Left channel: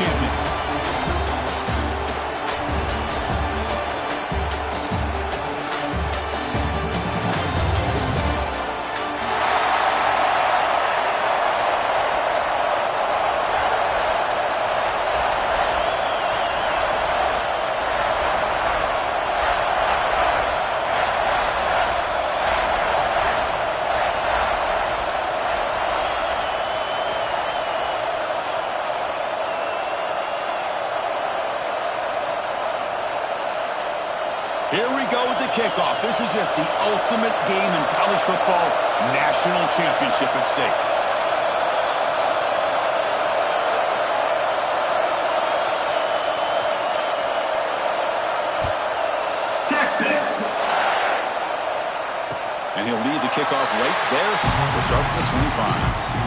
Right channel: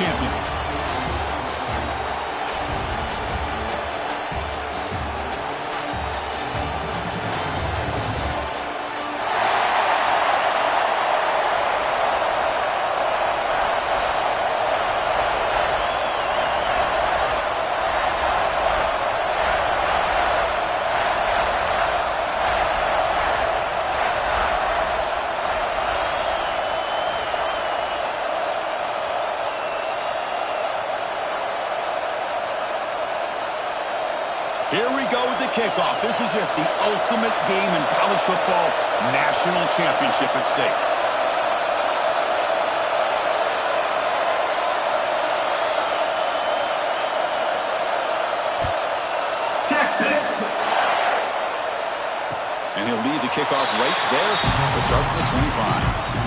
champion. Here we go with the kickoff. This is it, the ultimate game in college football, national championship at stake. Texas. And he'll lead the kickoff right there. He'll start from the 25.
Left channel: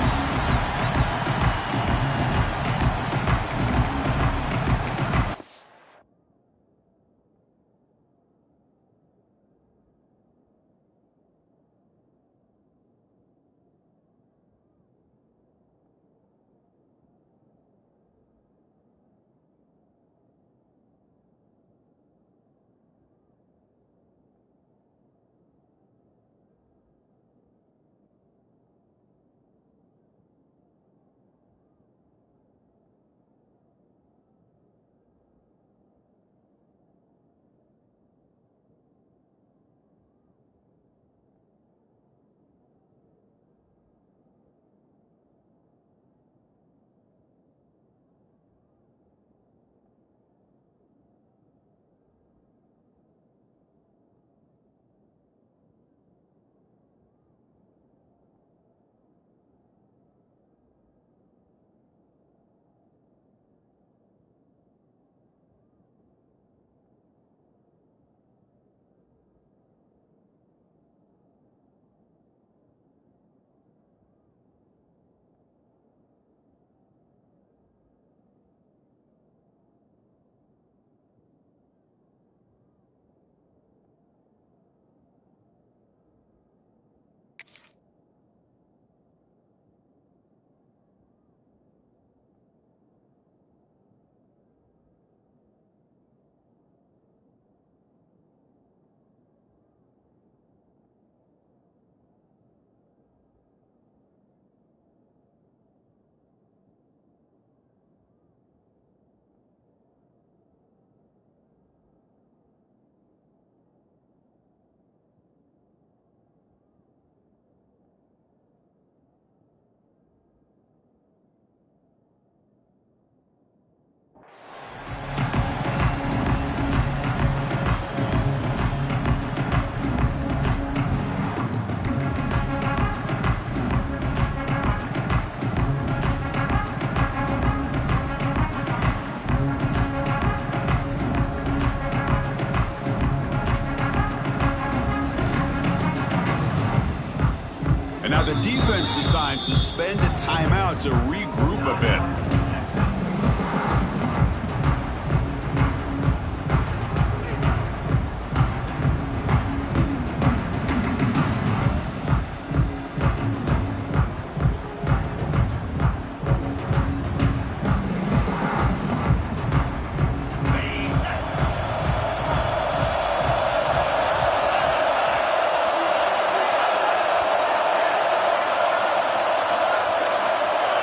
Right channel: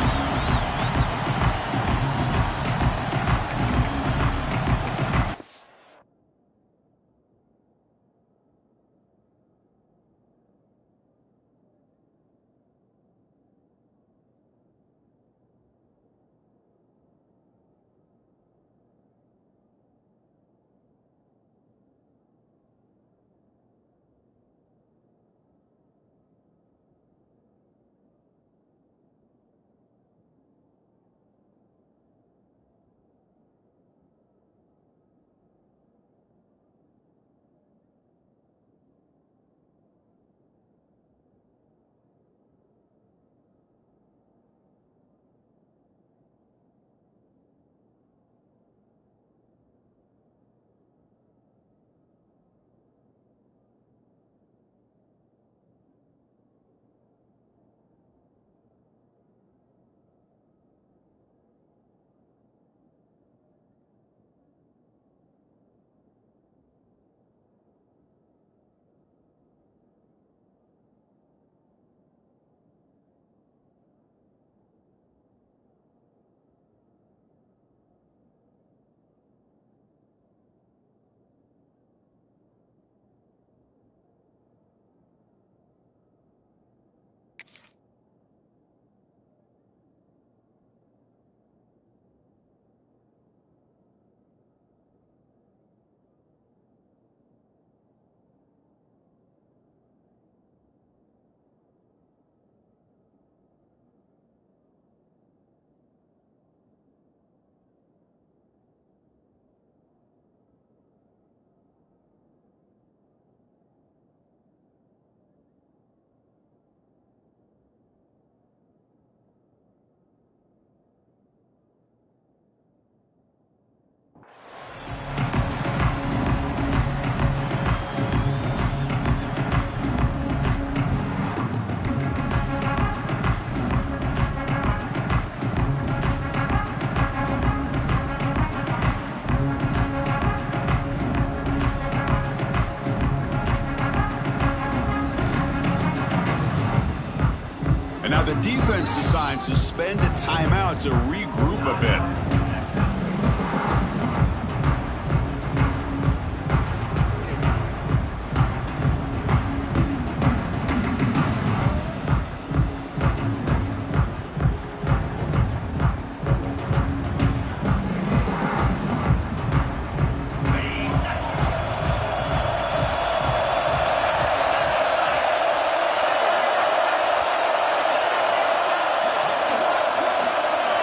Now the defense decides to suspend a timeout to regroup a bit.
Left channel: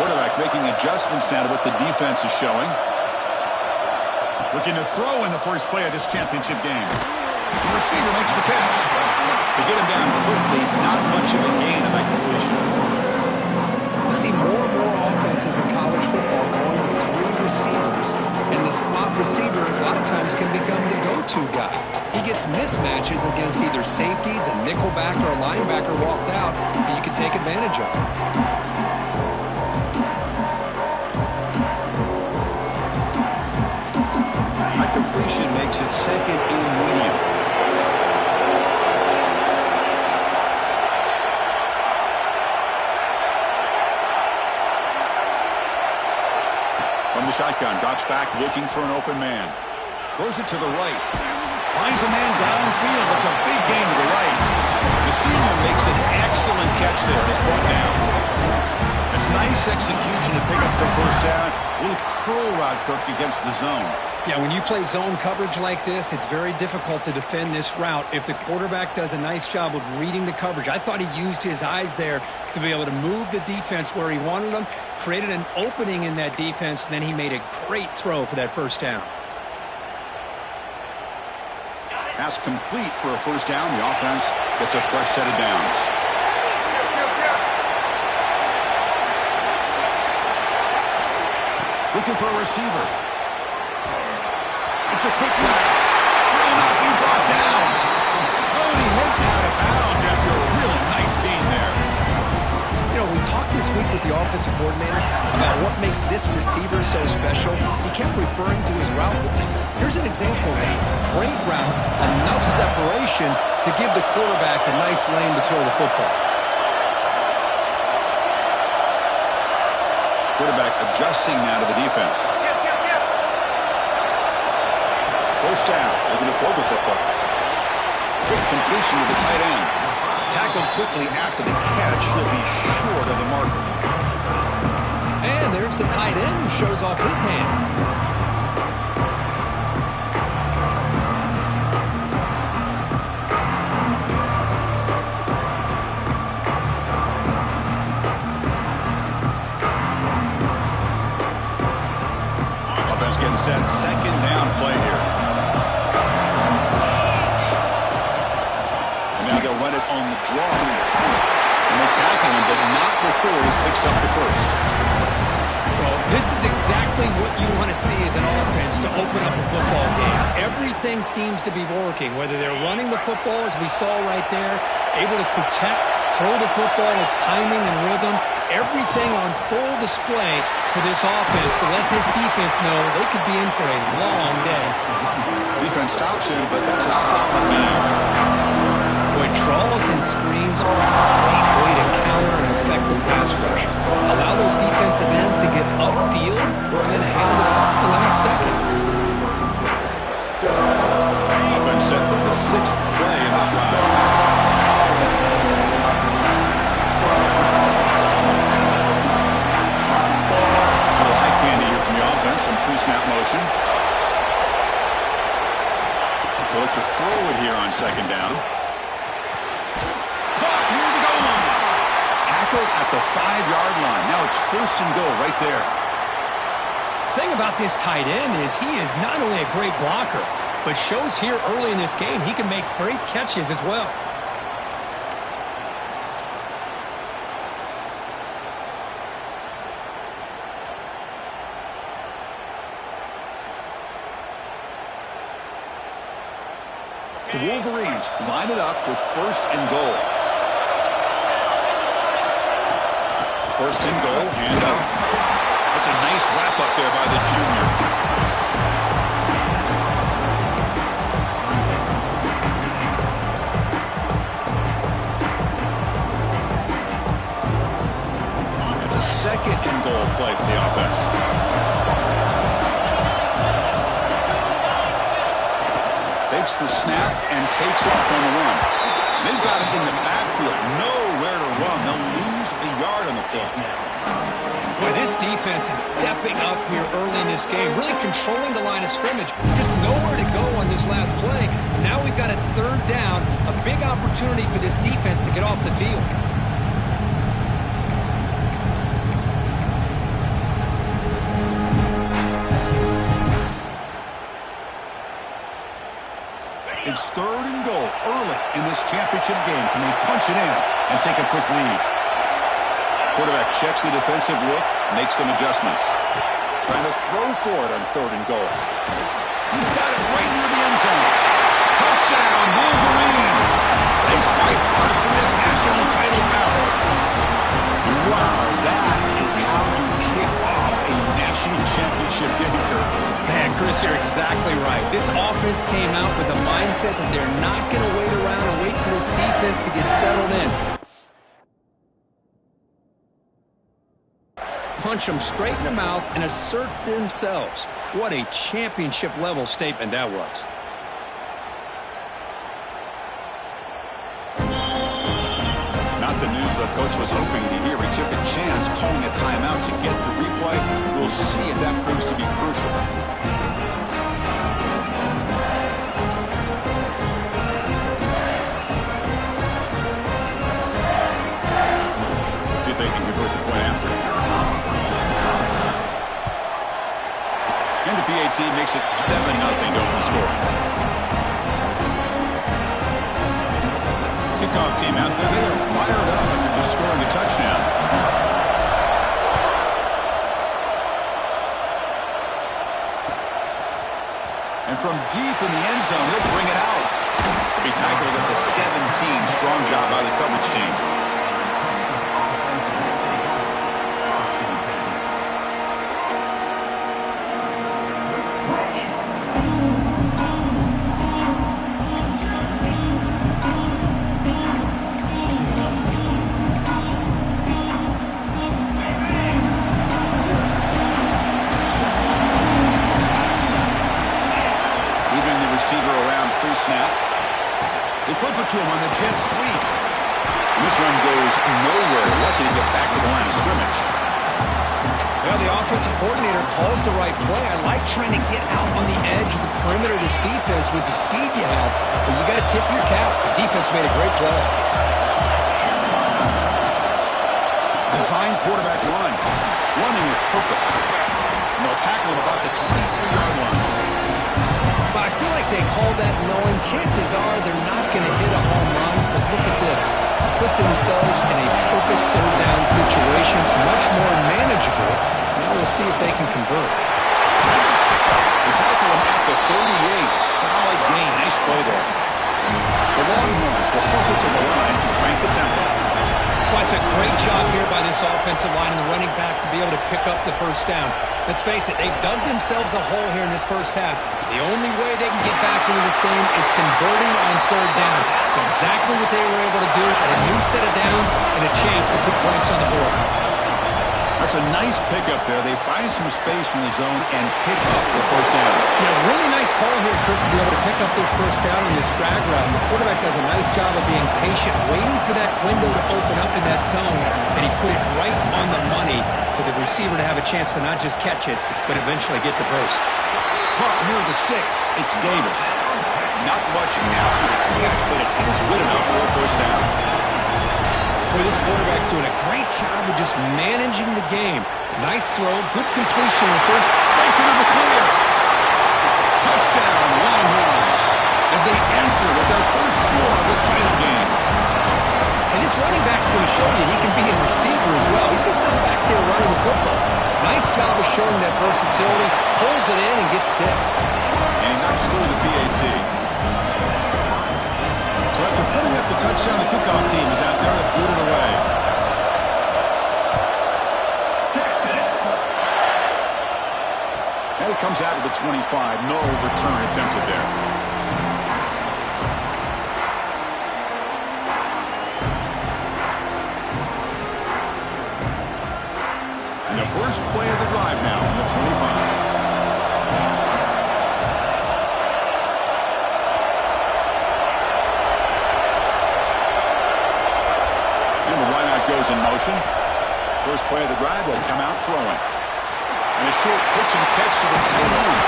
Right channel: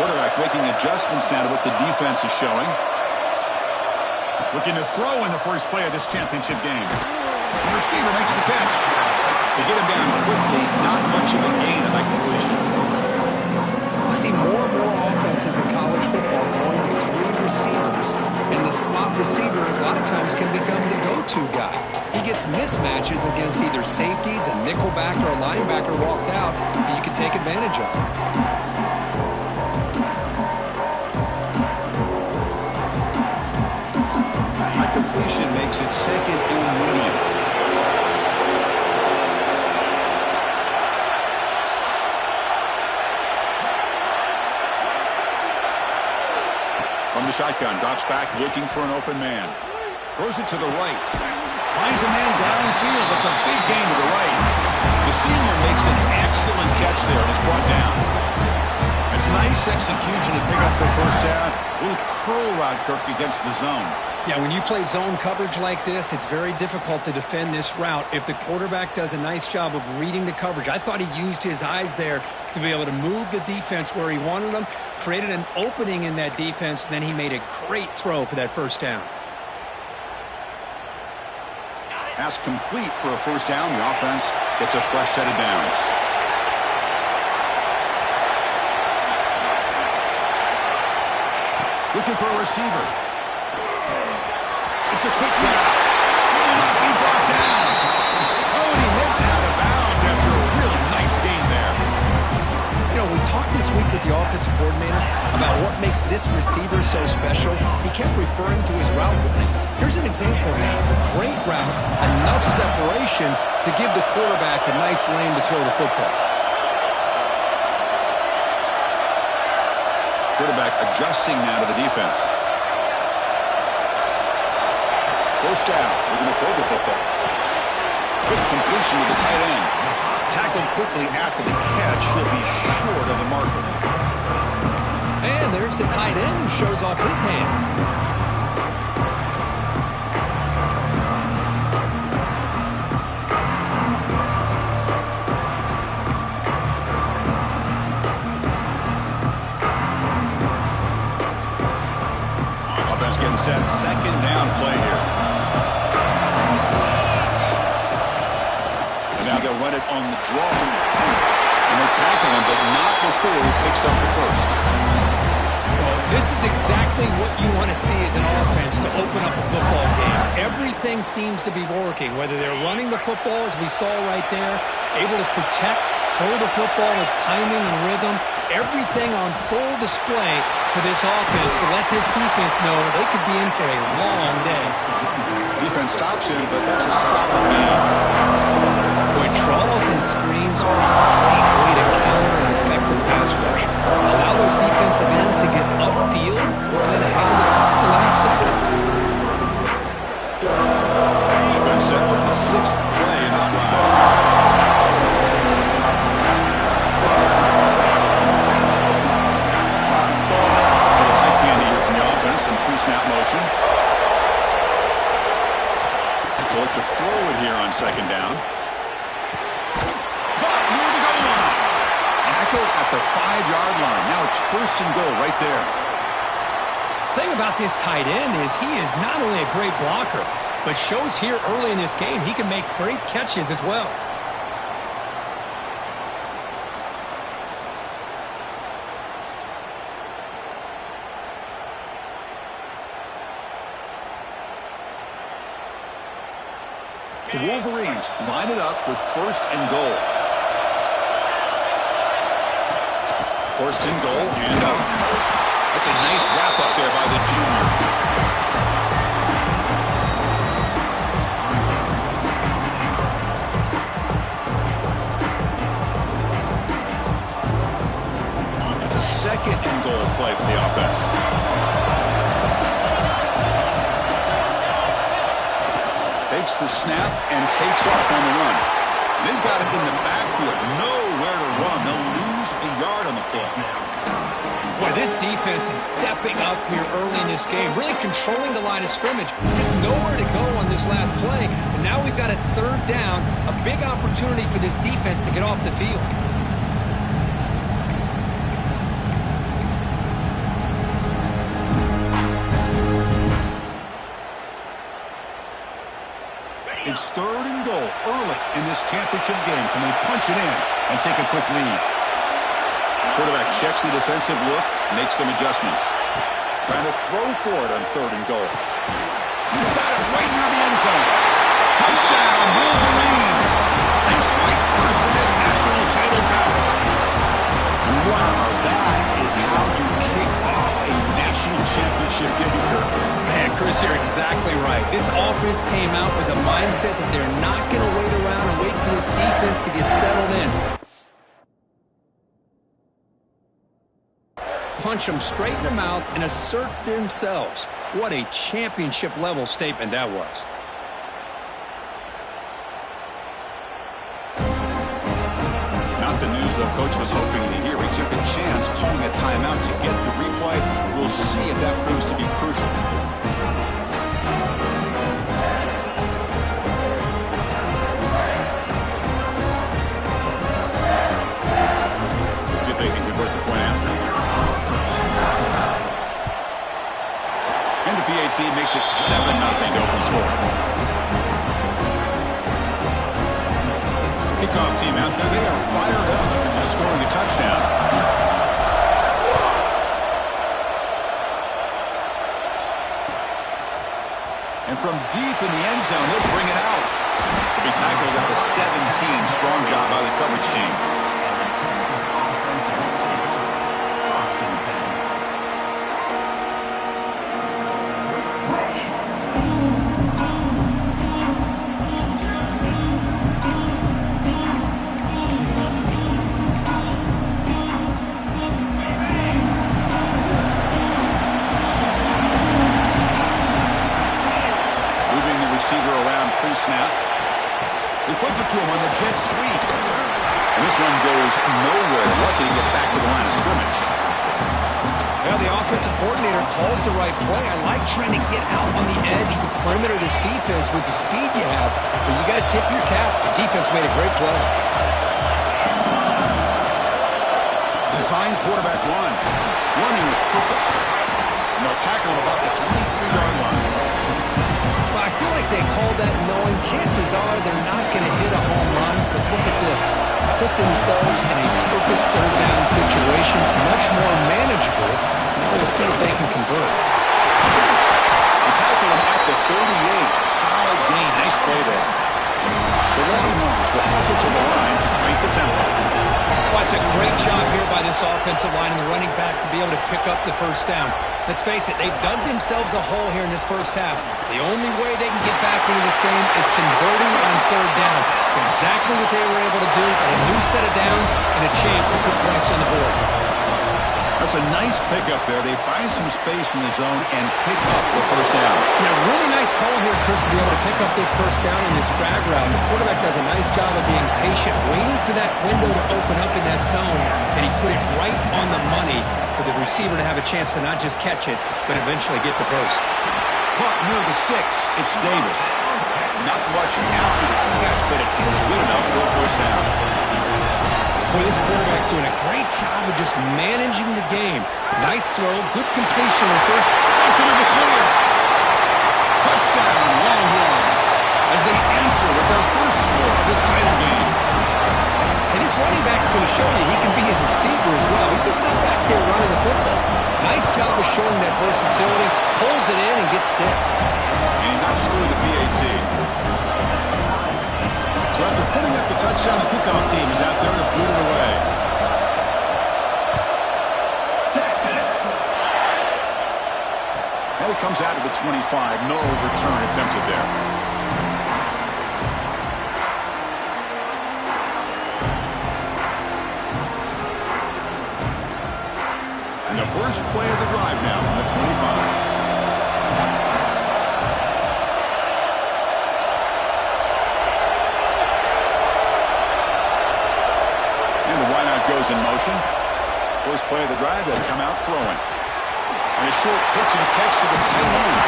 Quarterback making adjustments now to what the defense is showing. Looking to throw in the first play of this championship game. The receiver makes the catch. They get him down quickly. Not much of a gain on that completion. You see more and more offenses in college football going with three receivers. And the slot receiver a lot of times can become the go-to guy. He gets mismatches against either safeties, a nickelback, or a linebacker walked out, and you can take advantage of it. Completion makes it second and medium. From the shotgun, drops back looking for an open man. Throws it to the right. Finds a man downfield. That's a big gain to the right. The senior makes an excellent catch there and is brought down. And That's nice execution to pick up the first down. A little curl route, Kirk, against the zone. Yeah, when you play zone coverage like this, it's very difficult to defend this route if the quarterback does a nice job of reading the coverage. I thought he used his eyes there to be able to move the defense where he wanted them, created an opening in that defense, and then he made a great throw for that first down. Pass complete for a first down. The offense gets a fresh set of downs. Looking for a receiver. It's a quick route. Will not be brought down. Oh, and he heads out of bounds after a really nice gain there. You know, we talked this week with the offensive coordinator about what makes this receiver so special. He kept referring to his route running. Here's an example of that. Great route, enough separation to give the quarterback a nice lane to throw the football. Quarterback adjusting now to the defense. First down, looking to throw the football. Quick completion to the tight end. Tackled quickly after the catch. He'll be short of the marker. And there's the tight end who shows off his hands. Getting set. Second down play here. And now they'll run it on the draw. And they tackle him, but not before he picks up the first. Well, this is exactly what you want to see as an offense to open up a football game. Everything seems to be working, whether they're running the football, as we saw right there, able to protect, throw the football with timing and rhythm. Everything on full display for this offense to let this defense know they could be in for a long day. Defense stops him, but that's a solid game. Boy, trawls and screens are a great way to counter an effective pass rush. Allow those defensive ends to get upfield and then hand it off at the last second. Offense set with the sixth play in this drive. Some pre-snap motion. They'll look to throw it here on second down. Caught near the goal line. Tackled at the 5-yard line. Now it's first and goal right there. Thing about this tight end is he is not only a great blocker, but shows here early in this game he can make great catches as well. The Wolverines line it up with first and goal. First and goal, handoff. That's a nice wrap up there by the junior. That's a second and goal play for the offense. Takes the snap and takes off on the run. They've got it in the backfield. Nowhere to run. They'll lose a yard on the play. Boy, this defense is stepping up here early in this game, really controlling the line of scrimmage. Just nowhere to go on this last play. And now we've got a third down, a big opportunity for this defense to get off the field. It's third and goal early in this championship game. Can they punch it in and take a quick lead? Quarterback checks the defensive look, makes some adjustments. Trying to throw for it on third and goal. He's got it right near the end zone. Touchdown, Wolverines. They strike first in this national title bout. Wow, that is how you kick off a national championship game, Kirk. Man, Chris, you're exactly right. This offense came out with a mindset that they're not going to wait around and wait for this defense to get settled in. Punch them straight in the mouth and assert themselves. What a championship-level statement that was. Not the news the coach was hoping to hear. He took a chance calling a timeout to get the replay. We'll see if that proves to be crucial. Let's see if they can convert the point after. And the PAT makes it 7-0 to open scoring. Kickoff team out there, they are fired up after just scoring a touchdown. And from deep in the end zone, he'll bring it out. He'll be tackled at the 17. Strong job by the coverage team. Receiver around pre-snap. They flip it to him on the jet sweep. And this run goes nowhere. Lucky to get back to the line of scrimmage. Well, the offensive coordinator calls the right play. I like trying to get out on the edge of the perimeter of this defense with the speed you have. But you got to tip your cap. The defense made a great play. Design quarterback run. Running with purpose. And they'll tackle him about the 23-yard line. Well, I feel like they called that knowing chances are they're not going to hit a home run. But look at this. Put themselves in a perfect third down situation. It's much more manageable. Now we'll see if they can convert. They tackle him at the 38. Solid gain. Nice play there. The Longhorns will hustle to the line to crank the tempo. Well, it's a great job here by this offensive line and the running back to be able to pick up the first down. Let's face it, they've dug themselves a hole here in this first half. The only way they can get back into this game is converting on third down. It's exactly what they were able to do. Got a new set of downs and a chance to put points on the board. That's a nice pickup there. They find some space in the zone and pick up the first down. Yeah, really nice call here, Chris, to be able to pick up this first down on this drag route. The quarterback does a nice job of being patient, waiting for that window to open up in that zone, and he put it right on the money for the receiver to have a chance to not just catch it, but eventually get the first. Caught near the sticks. It's Davis. Not much after the catch, but it is good enough for a first down. Boy, this quarterback's doing a great job of just managing the game. Nice throw, good completion on first. That's into the clear. Touchdown, Longhorns, as they answer with their first score of this title game. And this running back's going to show you he can be a receiver as well. He's just not back there running the football. Nice job of showing that versatility. Pulls it in and gets 6. And he knocks through the PAT. So after putting up the touchdown, the kickoff team is out there to boot it away. Texas. And it comes out to the 25. No return attempted there. And the first play of the drive now from the 25. And the wideout goes in motion. First play of the drive, they'll come out throwing. And a short pitch and catch to the tight end.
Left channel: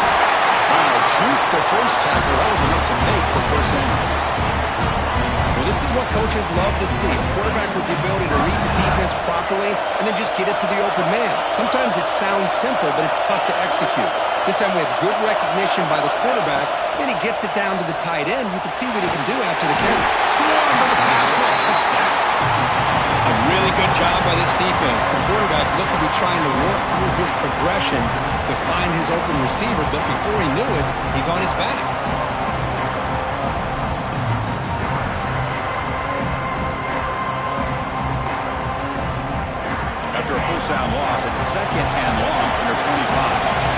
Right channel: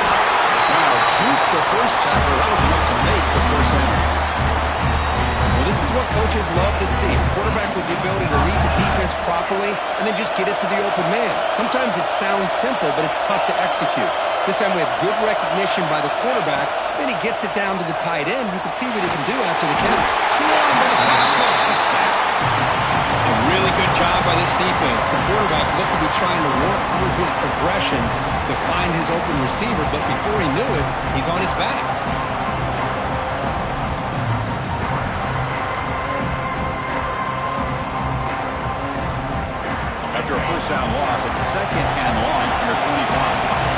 Wow, juke the first tackler. That was enough to make the first down. Well, this is what coaches love to see. A quarterback with the ability to read the defense properly and then just get it to the open man. Sometimes it sounds simple, but it's tough to execute. This time we have good recognition by the quarterback. Then he gets it down to the tight end. You can see what he can do after the count. Swarmed by the pass rush. The sack. A really good job by this defense. The quarterback looked to be trying to work through his progressions to find his open receiver, but before he knew it, he's on his back. After a first down loss, it's second and long from their 25.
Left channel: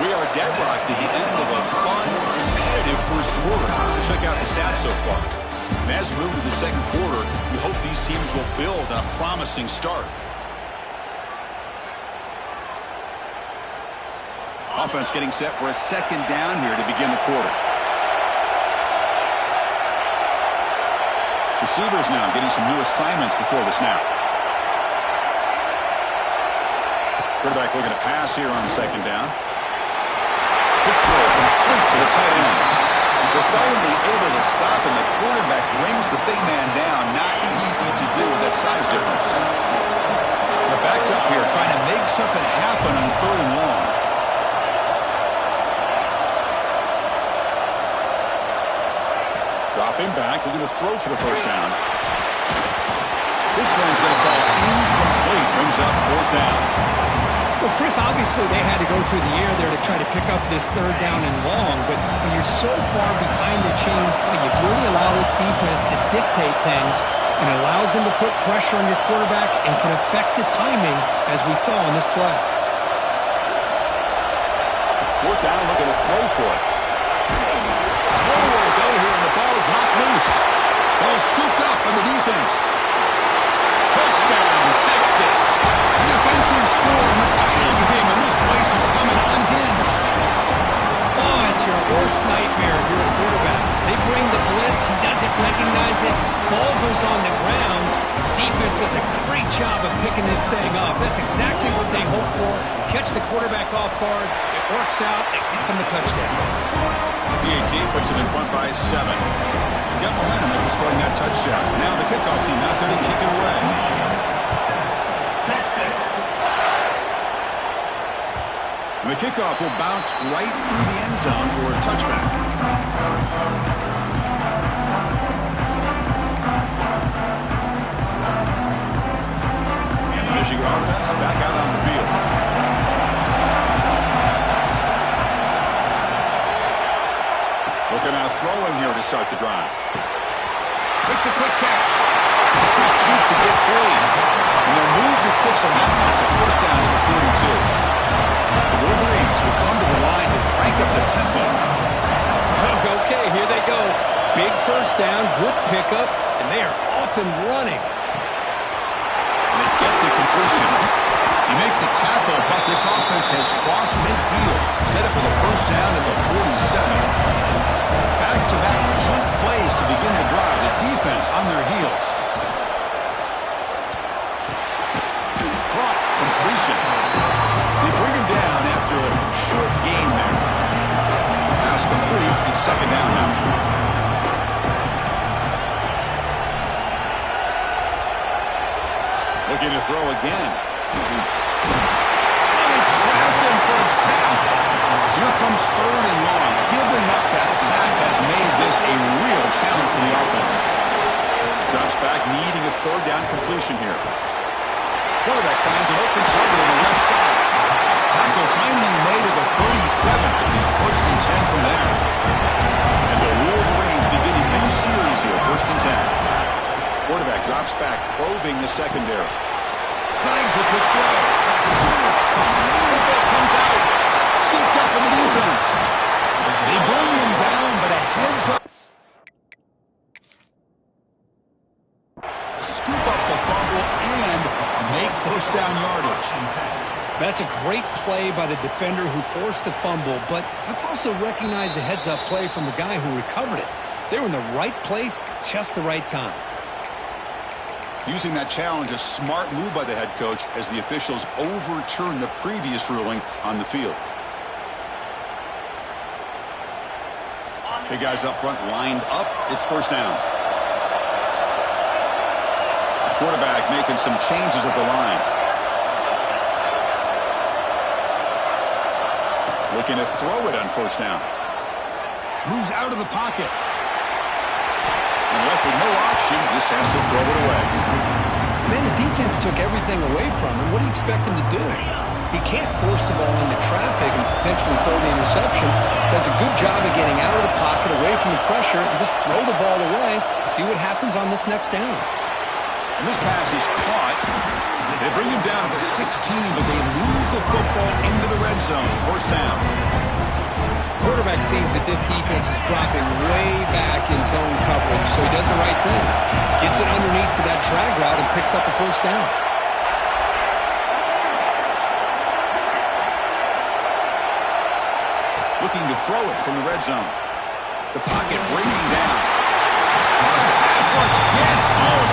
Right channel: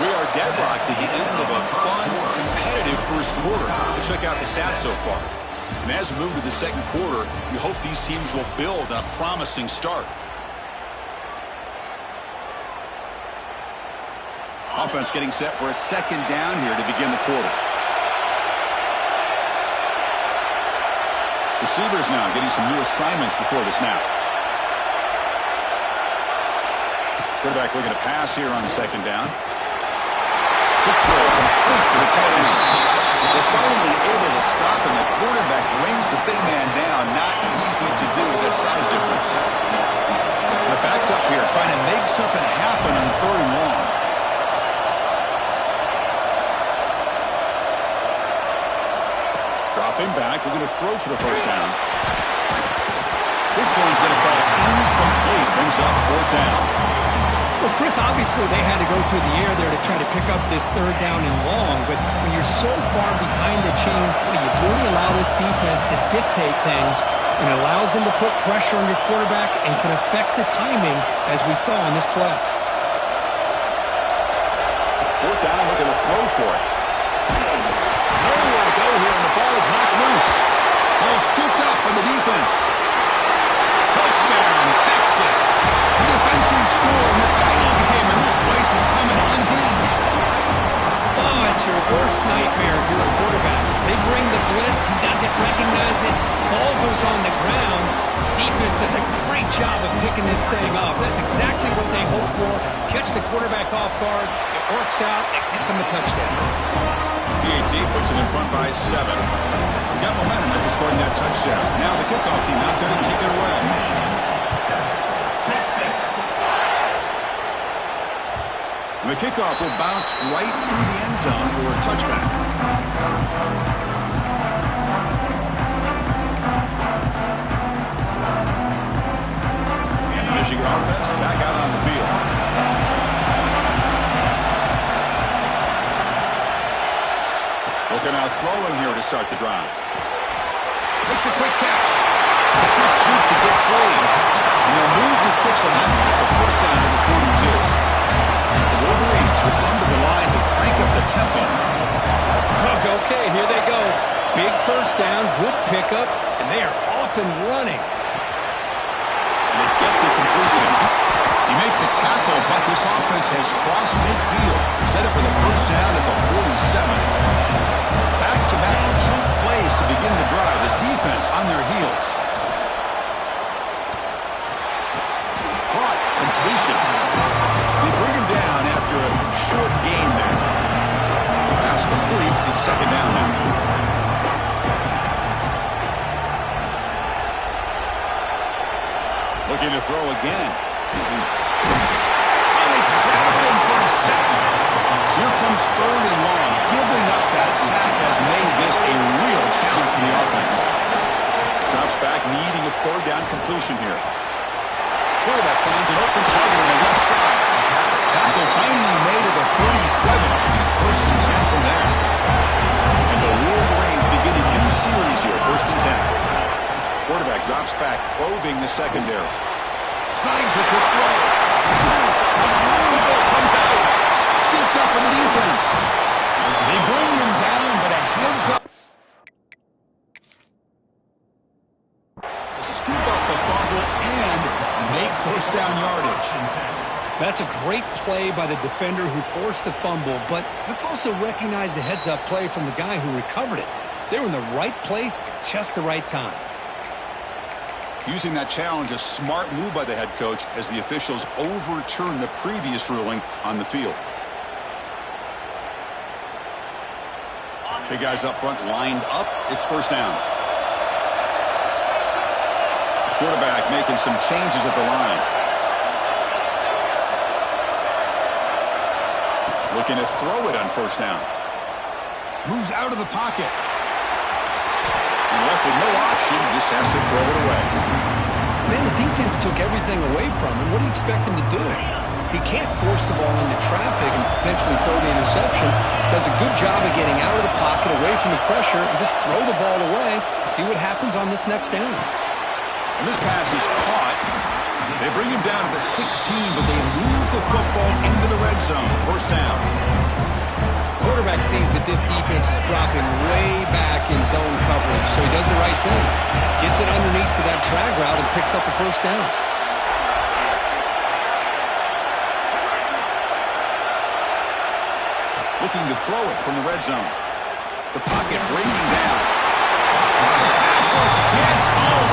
We are deadlocked at the end of a fun, competitive first quarter. Check out the stats so far. And as we move to the second quarter, we hope these teams will build on a promising start. Offense getting set for a second down here to begin the quarter. Receivers now getting some new assignments before the snap. Quarterback looking to pass here on second down. Quick throw complete to the tight end. They're finally able to stop, and the quarterback brings the big man down. Not easy to do with that size difference. They're backed up here trying to make something happen on 3rd and long. Dropping back, looking to throw for the first down. This one's going to fall incomplete. Brings up 4th down. Well, Chris, obviously they had to go through the air there to try to pick up this 3rd down and long, but when you're so far behind the chains, boy, you really allow this defense to dictate things, and it allows them to put pressure on your quarterback and can affect the timing, as we saw in this play. 4th down, looking to throw for it. Nowhere to go here, and the ball is knocked loose. Ball scooped up on the defense. Touchdown, Texas. Defensive score in the title game, and this place is coming unhinged. Oh, it's your worst nightmare if you're a quarterback. They bring the blitz. He doesn't recognize it. Ball goes on the ground. Defense does a great job of picking this thing up. That's exactly what they hope for. Catch the quarterback off guard. It works out. It gets them a touchdown. PAT puts him in front by 7. Got momentum after scoring that touchdown. Now the kickoff team out there to kick it away. Texas. And the kickoff will bounce right through the end zone for a touchback. And the Michigan offense back out on the field. Looking out throwing here to start the drive. Makes a quick catch. A quick juke to get free. And they'll move the 6 on that one. It's a first down to the 42. The Wolverines will come to the line to crank up the tempo. Okay, here they go. Big first down, good pickup, and they are off and running. And they get the completion. You make the tackle, but this offense has crossed midfield. Set up for the first down at the 47. Back-to-back jump plays to begin the drive. The defense on their heels. Caught, completion. They bring him down after a short gain there. Pass complete. It's second down now. Looking to throw again. Oh, they trap him for a sack. So here comes 3rd and long. Giving up that sack has made this a real challenge for the offense. Drops back, needing a 3rd down completion here. Quarterback finds an open target on the left side. Tackle finally made at the 37. It'll be 1st and 10 from there. And the Wolverines begin a new series here, 1st and 10. Quarterback drops back, probing the secondary. Snags the quick throw. Football comes out. Scooped up in the defense. They bring him down, but a heads up. Scoop up the fumble and make first down yardage. That's a great play by the defender who forced the fumble, but let's also recognize the heads-up play from the guy who recovered it. They were in the right place at just the right time. Using that challenge, a smart move by the head coach as the officials overturn the previous ruling on the field. The guys up front lined up. It's first down. Quarterback making some changes at the line. Looking to throw it on first down. Moves out of the pocket. And left with no option, just has to throw it away. Man, the defense took everything away from him. What do you expect him to do? He can't force the ball into traffic and potentially throw the interception. Does a good job of getting out of the pocket, away from the pressure, and just throw the ball away. See what happens on this next down. And this pass is caught. They bring him down to the 16, but they move the football into the red zone. First down. Quarterback sees that this defense is dropping way back in zone coverage, so he does the right thing. Gets it underneath to that drag route and picks up a first down. Looking to throw it from the red zone. The pocket breaking down. Pass Merciless gets home.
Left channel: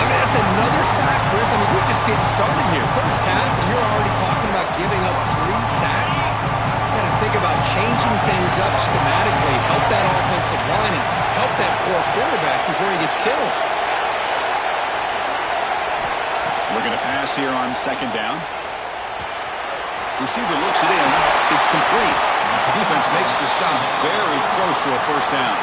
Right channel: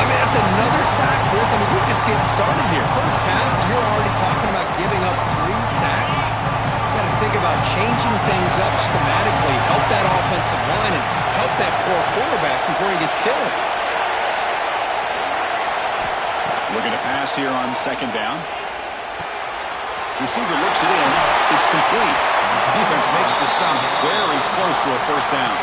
I mean, that's another sack, Chris. I mean, we're just getting started here. First half, and you're already talking about giving up 3 sacks. You got to think about changing things up schematically, help that offensive line, and help that poor quarterback before he gets killed. Looking to pass here on second down. Receiver looks it in. It's complete. Defense makes the stop very close to a first down.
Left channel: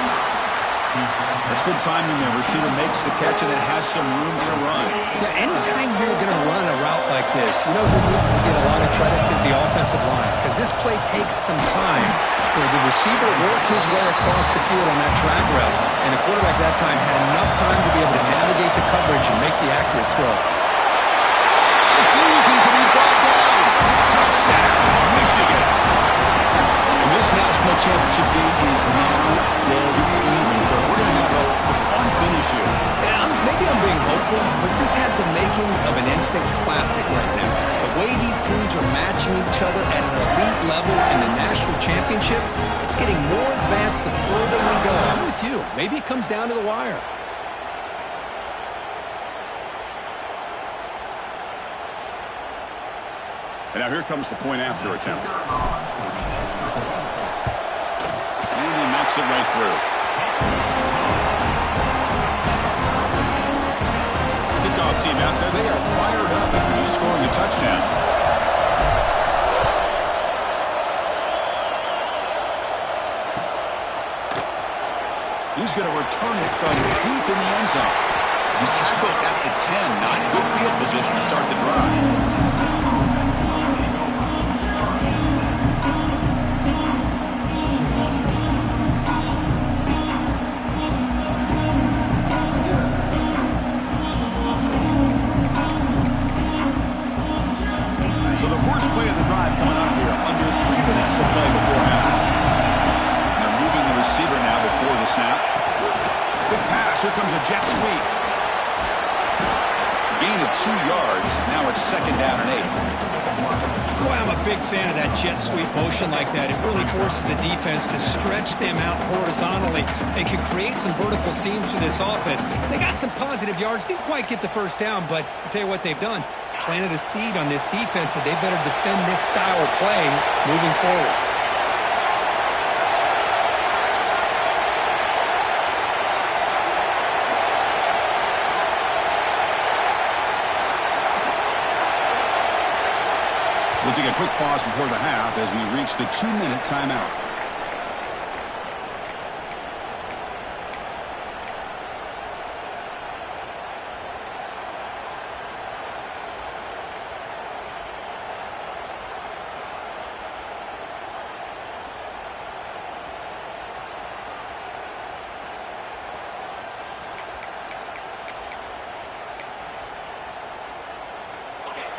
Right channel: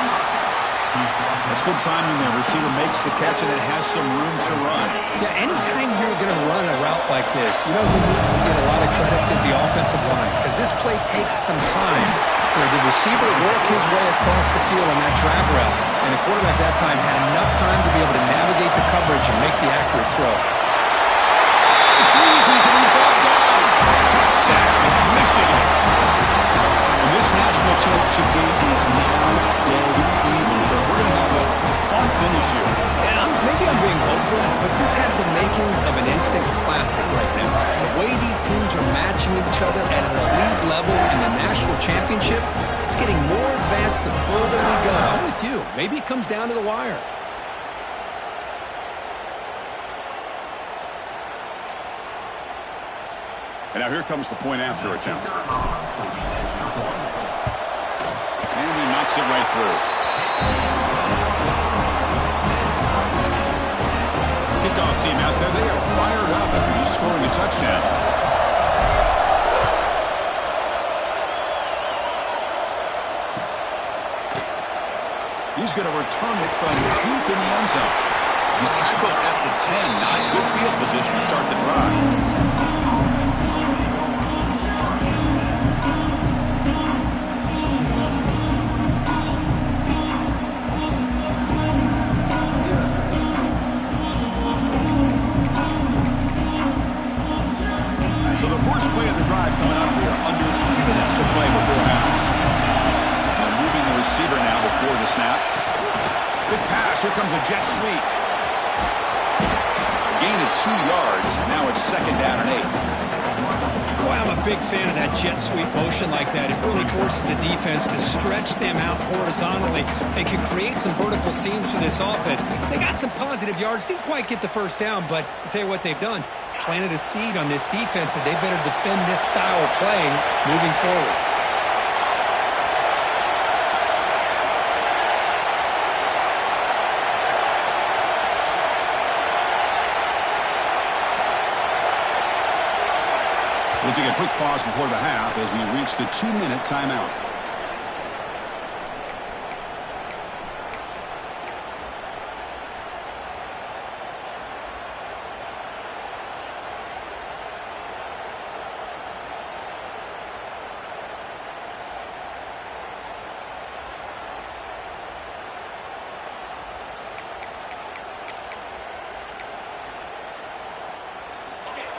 That's good timing there. Receiver makes the catch and it has some room to run. Yeah, anytime you're going to run a route like this, you know who needs to get a lot of credit is the offensive line, because this play takes some time for the receiver to work his way across the field on that drag route, and the quarterback that time had enough time to be able to navigate the coverage and make the accurate throw. Refusing to be brought down. Touchdown, Michigan. And this national championship game is now dead even. We're going to have a fun finish here. Yeah, maybe I'm being hopeful, but this has the makings of an instant classic right now. The way these teams are matching each other at an elite level in the national championship, it's getting more advanced the further we go. I'm with you. Maybe it comes down to the wire. And now here comes the point after attempt. And he knocks it right through. Kickoff team out there, they are fired up after just scoring a touchdown. He's going to return it from deep in the end zone. He's tackled at the 10. Not good field position to start the drive. So the first play of the drive coming up here, under 3 minutes to play before half. They're moving the receiver now before the snap. Big pass, here comes a jet sweep. Gain of 2 yards, now it's second down and 8. Boy, I'm a big fan of that jet sweep motion like that. It really forces the defense to stretch them out horizontally and can create some vertical seams for this offense. They got some positive yards, didn't quite get the first down, but I'll tell you what they've done. Planted a seed on this defense that they better defend this style of play moving forward. We'll take a quick pause before the half as we reach the 2-minute timeout.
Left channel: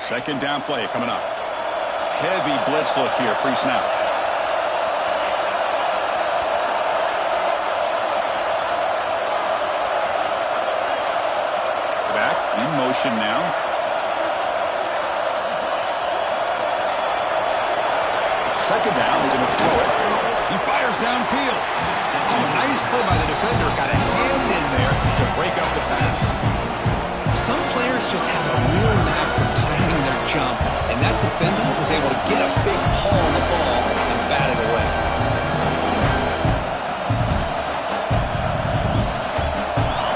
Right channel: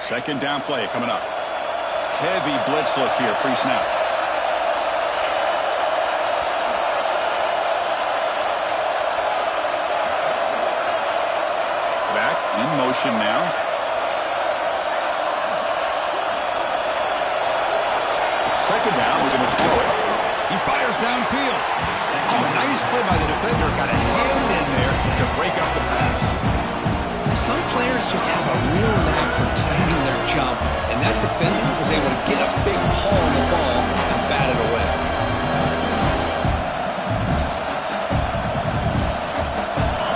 Second down play coming up. Heavy blitz look here pre-snap. Back in motion now. Second down, we're going to throw it. He fires downfield. Oh, nice play by the defender. Got a hand in there to break up the pass. Some players just have a real knack for timing their jump, and that defender was able to get a big paw on the ball and bat it away.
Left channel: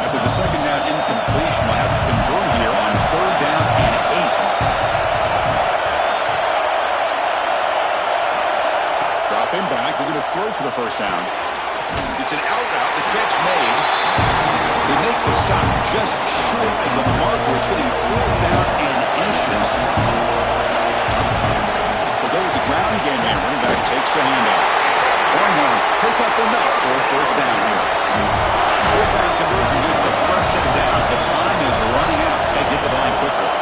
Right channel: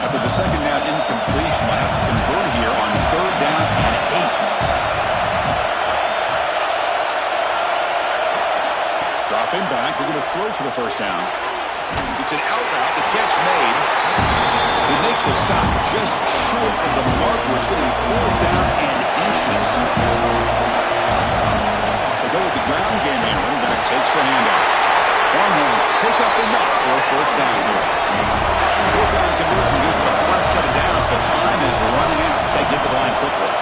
After the second down incompletion, we'll have to convert here on third down and 8. Dropping back, we're going to throw for the first down. It's an out route, the catch made. They make the stop just short of the mark where it's getting 4th down and inches. They'll go with the ground game here. Running back takes the handoff. Longhorns pick up enough for a first down here. 4th down conversion gives them a fresh set of downs, but time is running out. They get to the line quickly.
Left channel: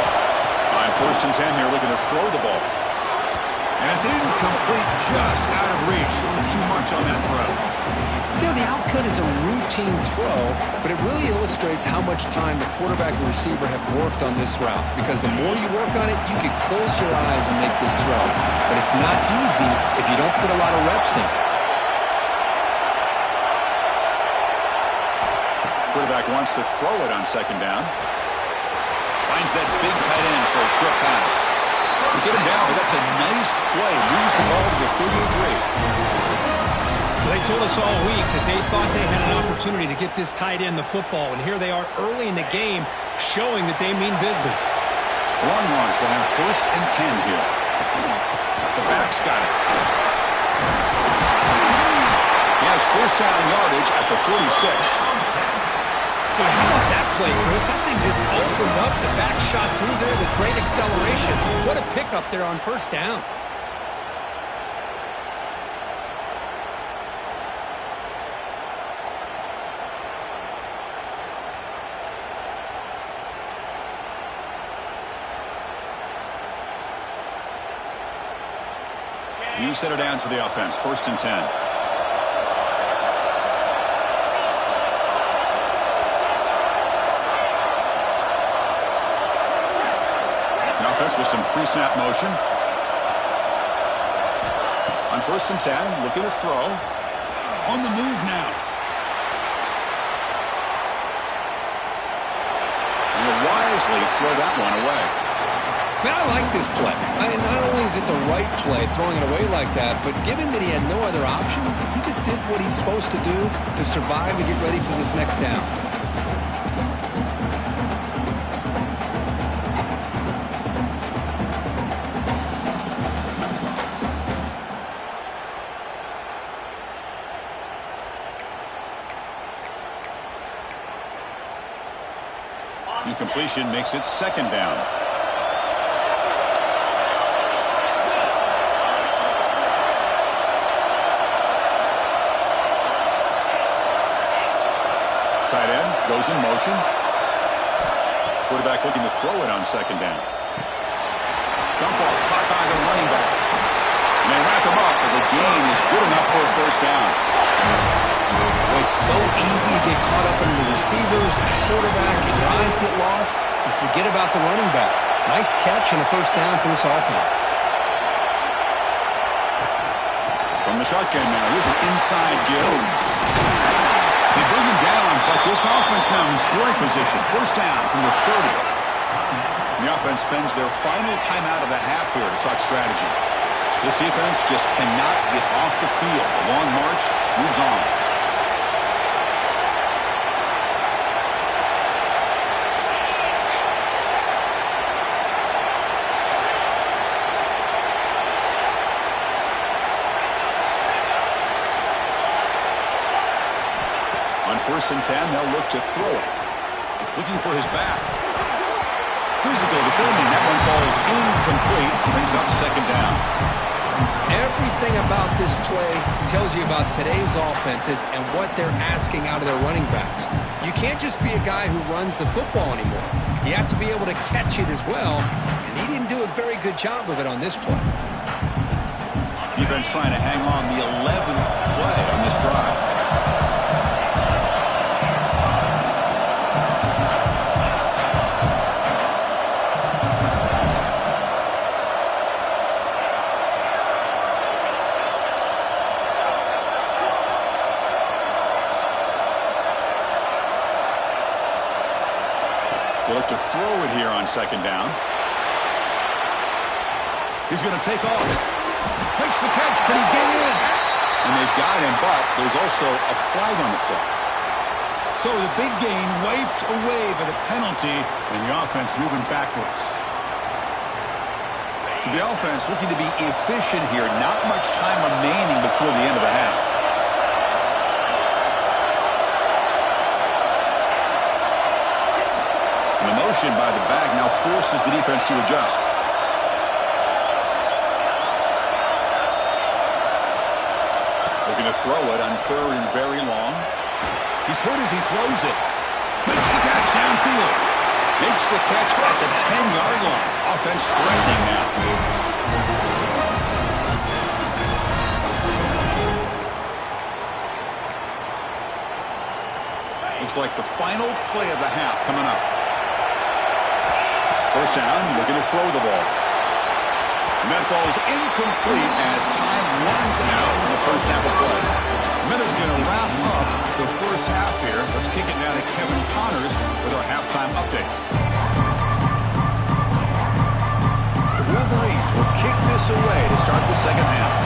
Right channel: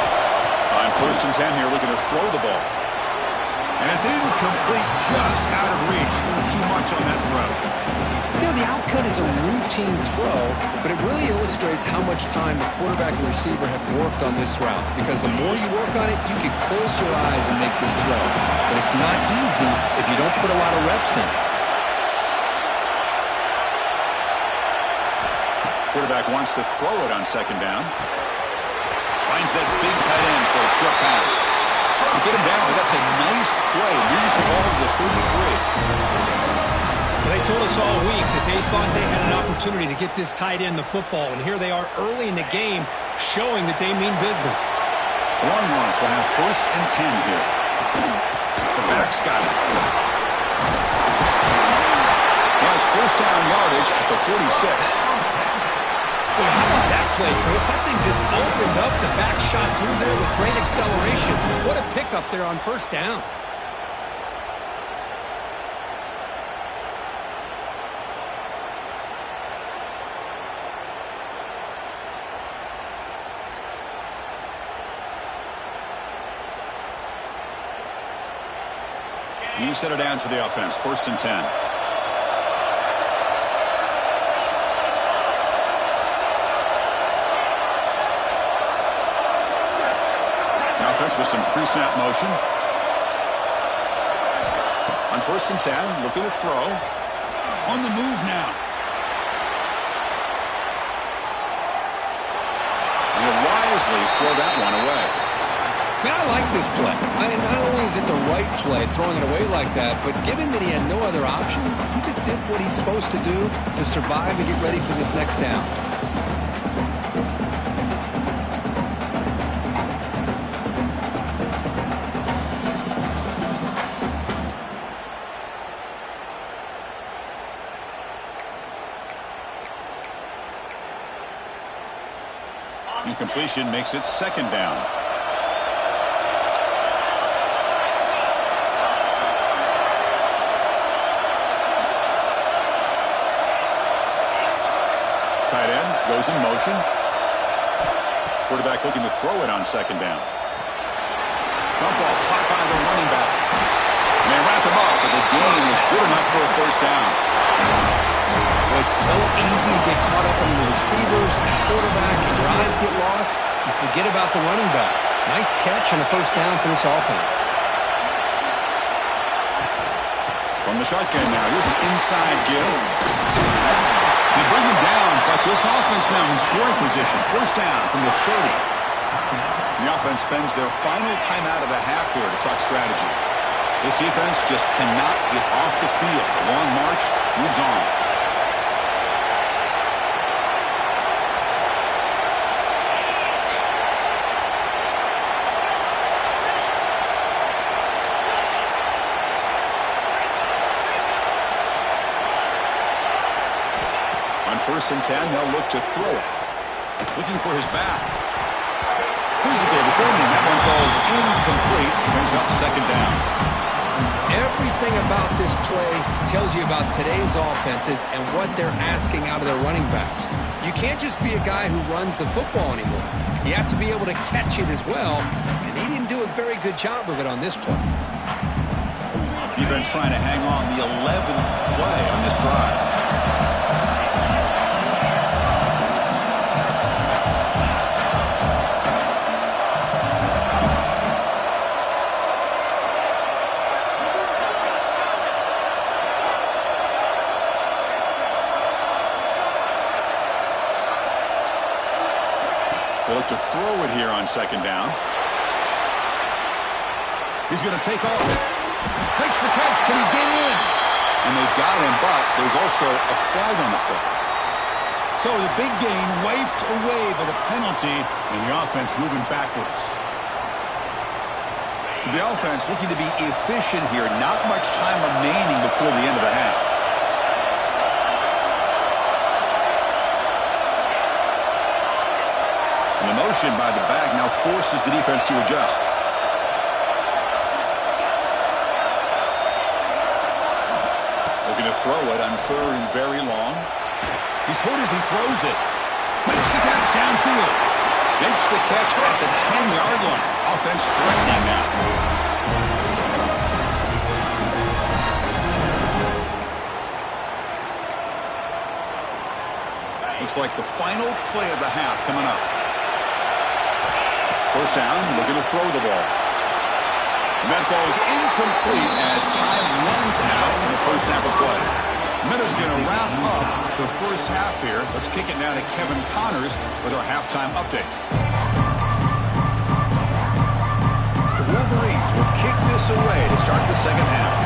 On 1st and 10 here, looking to throw the ball. And it's incomplete, just out of reach. Too much on that throw. You know, the outcut is a routine throw, but it really illustrates how much time the quarterback and receiver have worked on this route. Because the more you work on it, you can close your eyes and make this throw. But it's not easy if you don't put a lot of reps in. Quarterback wants to throw it on second down. Finds that big tight end for a short pass. They get him down, but that's a nice play. Moves the ball to the 33. They told us all week that they thought they had an opportunity to get this tight end the football, and here they are early in the game showing that they mean business. The Longhorns will have 1st and 10 here. The back's got it. He has 1st down yardage at the 46. Boy, how about that play, Chris? That thing just opened up. The back shot through there with great acceleration. What a pickup there on 1st down. New set of downs for the offense. 1st and 10. The offense with some pre-snap motion. On 1st and 10, looking to throw. On the move now. And he'll wisely throw that one away. Man, I like this play. Not only is it the right play, throwing it away like that, but given that he had no other option, he just did what he's supposed to do to survive and get ready for this next down. Incompletion makes it 2nd down. Tight end goes in motion. Quarterback looking to throw it on 2nd down. Dump off caught by the running back. And they wrap him up, but the gain is good enough for a 1st down. Well, it's so easy to get caught up in the receivers and the quarterback, and your eyes get lost. You forget about the running back. Nice catch and a 1st down for this offense. From the shotgun now, here's an inside give. They bring him down, but this offense now in scoring position. 1st down from the 30. The offense spends their final timeout of the half here to talk strategy. This defense just cannot get off the field. The long march moves on. On 1st and 10, they'll look to throw it. Looking for his back. Physical defending. That one falls incomplete. Brings up 2nd down. Everything about this play tells you about today's offenses and what they're asking out of their running backs. You can't just be a guy who runs the football anymore. You have to be able to catch it as well, and he didn't do a very good job of it on this play. Defense trying to hang on the 11th play on this drive. They look to throw it here on 2nd down. He's going to take off. Makes the catch. Can he get in? And they've got him, but there's also a flag on the play. So the big gain wiped away by the penalty, and the offense moving backwards. So the offense looking to be efficient here. Not much time remaining before the end of the half. And the motion by the back now forces the defense to adjust. Looking to throw it on 3rd and very long. He's hit as he throws it. Makes the catch downfield. Makes the catch at the 10-yard line. Offense threatening now. Looks like the final play of the half coming up. 1st down, looking to throw the ball. And that falls incomplete as time runs out in the 1st half of play. Minutes going to wrap up the first half here. Let's kick it now to Kevin Connors with our halftime update. The Wolverines will kick this away to start the second half.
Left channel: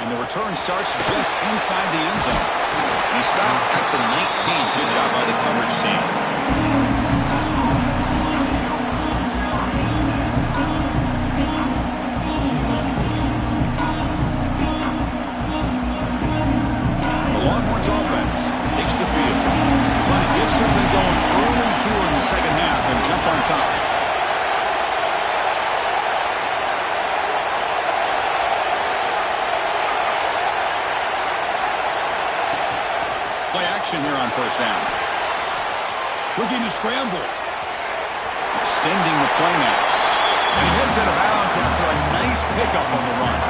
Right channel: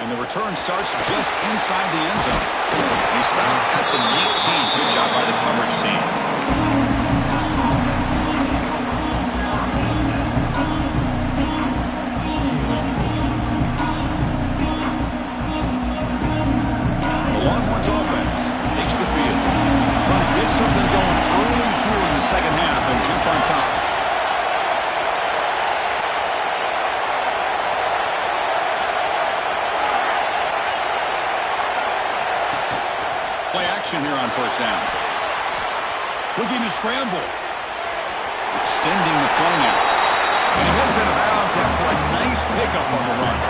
And the return starts just inside the end zone. He stopped at the 19. Good job by the coverage team. Longhorns offense takes the field. Trying to get something going early here in the second half and jump on top. Play action here on first down. Looking to scramble. Extending the play now. And he heads out of bounds after a nice pickup on the run.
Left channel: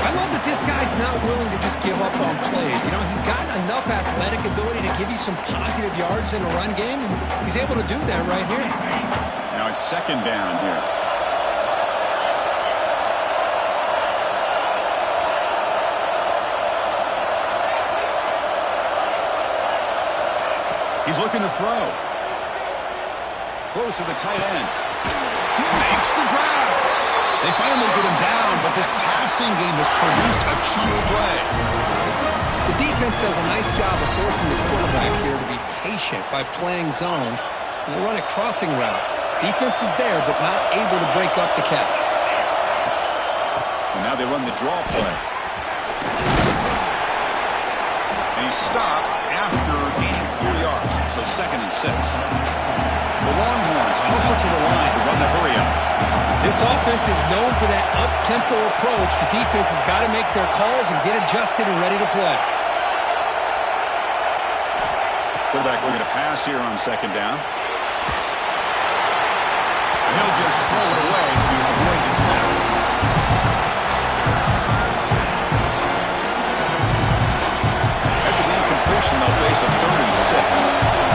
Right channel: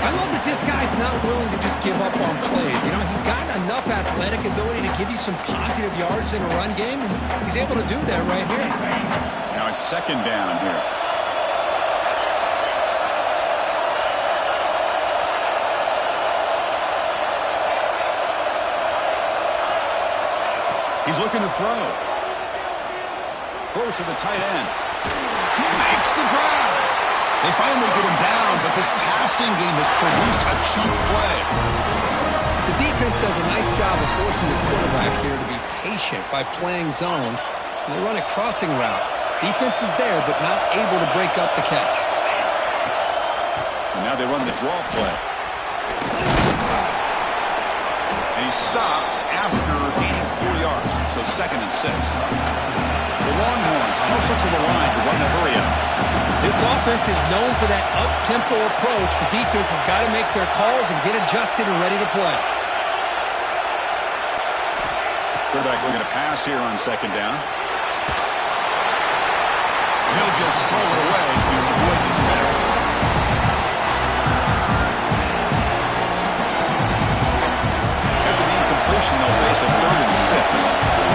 I love that this guy's not willing to just give up on plays. You know, he's got enough athletic ability to give you some positive yards in a run game, and he's able to do that right here. Now it's second down here. He's looking to throw. Throws to the tight end. He makes the grab. They finally get him down, but this passing game has produced a chunk play. The defense does a nice job of forcing the quarterback here to be patient by playing zone. And they run a crossing route. Defense is there, but not able to break up the catch. And now they run the draw play. And he's stopped after gaining 4 yards, so 2nd and 6. The Longhorns hustle to the line to run the hurry-up. This offense is known for that up-tempo approach. The defense has got to make their calls and get adjusted and ready to play. Quarterback looking to pass here on second down. And he'll just throw it away to avoid the sack. After the incompletion, they'll face a 3rd and 6.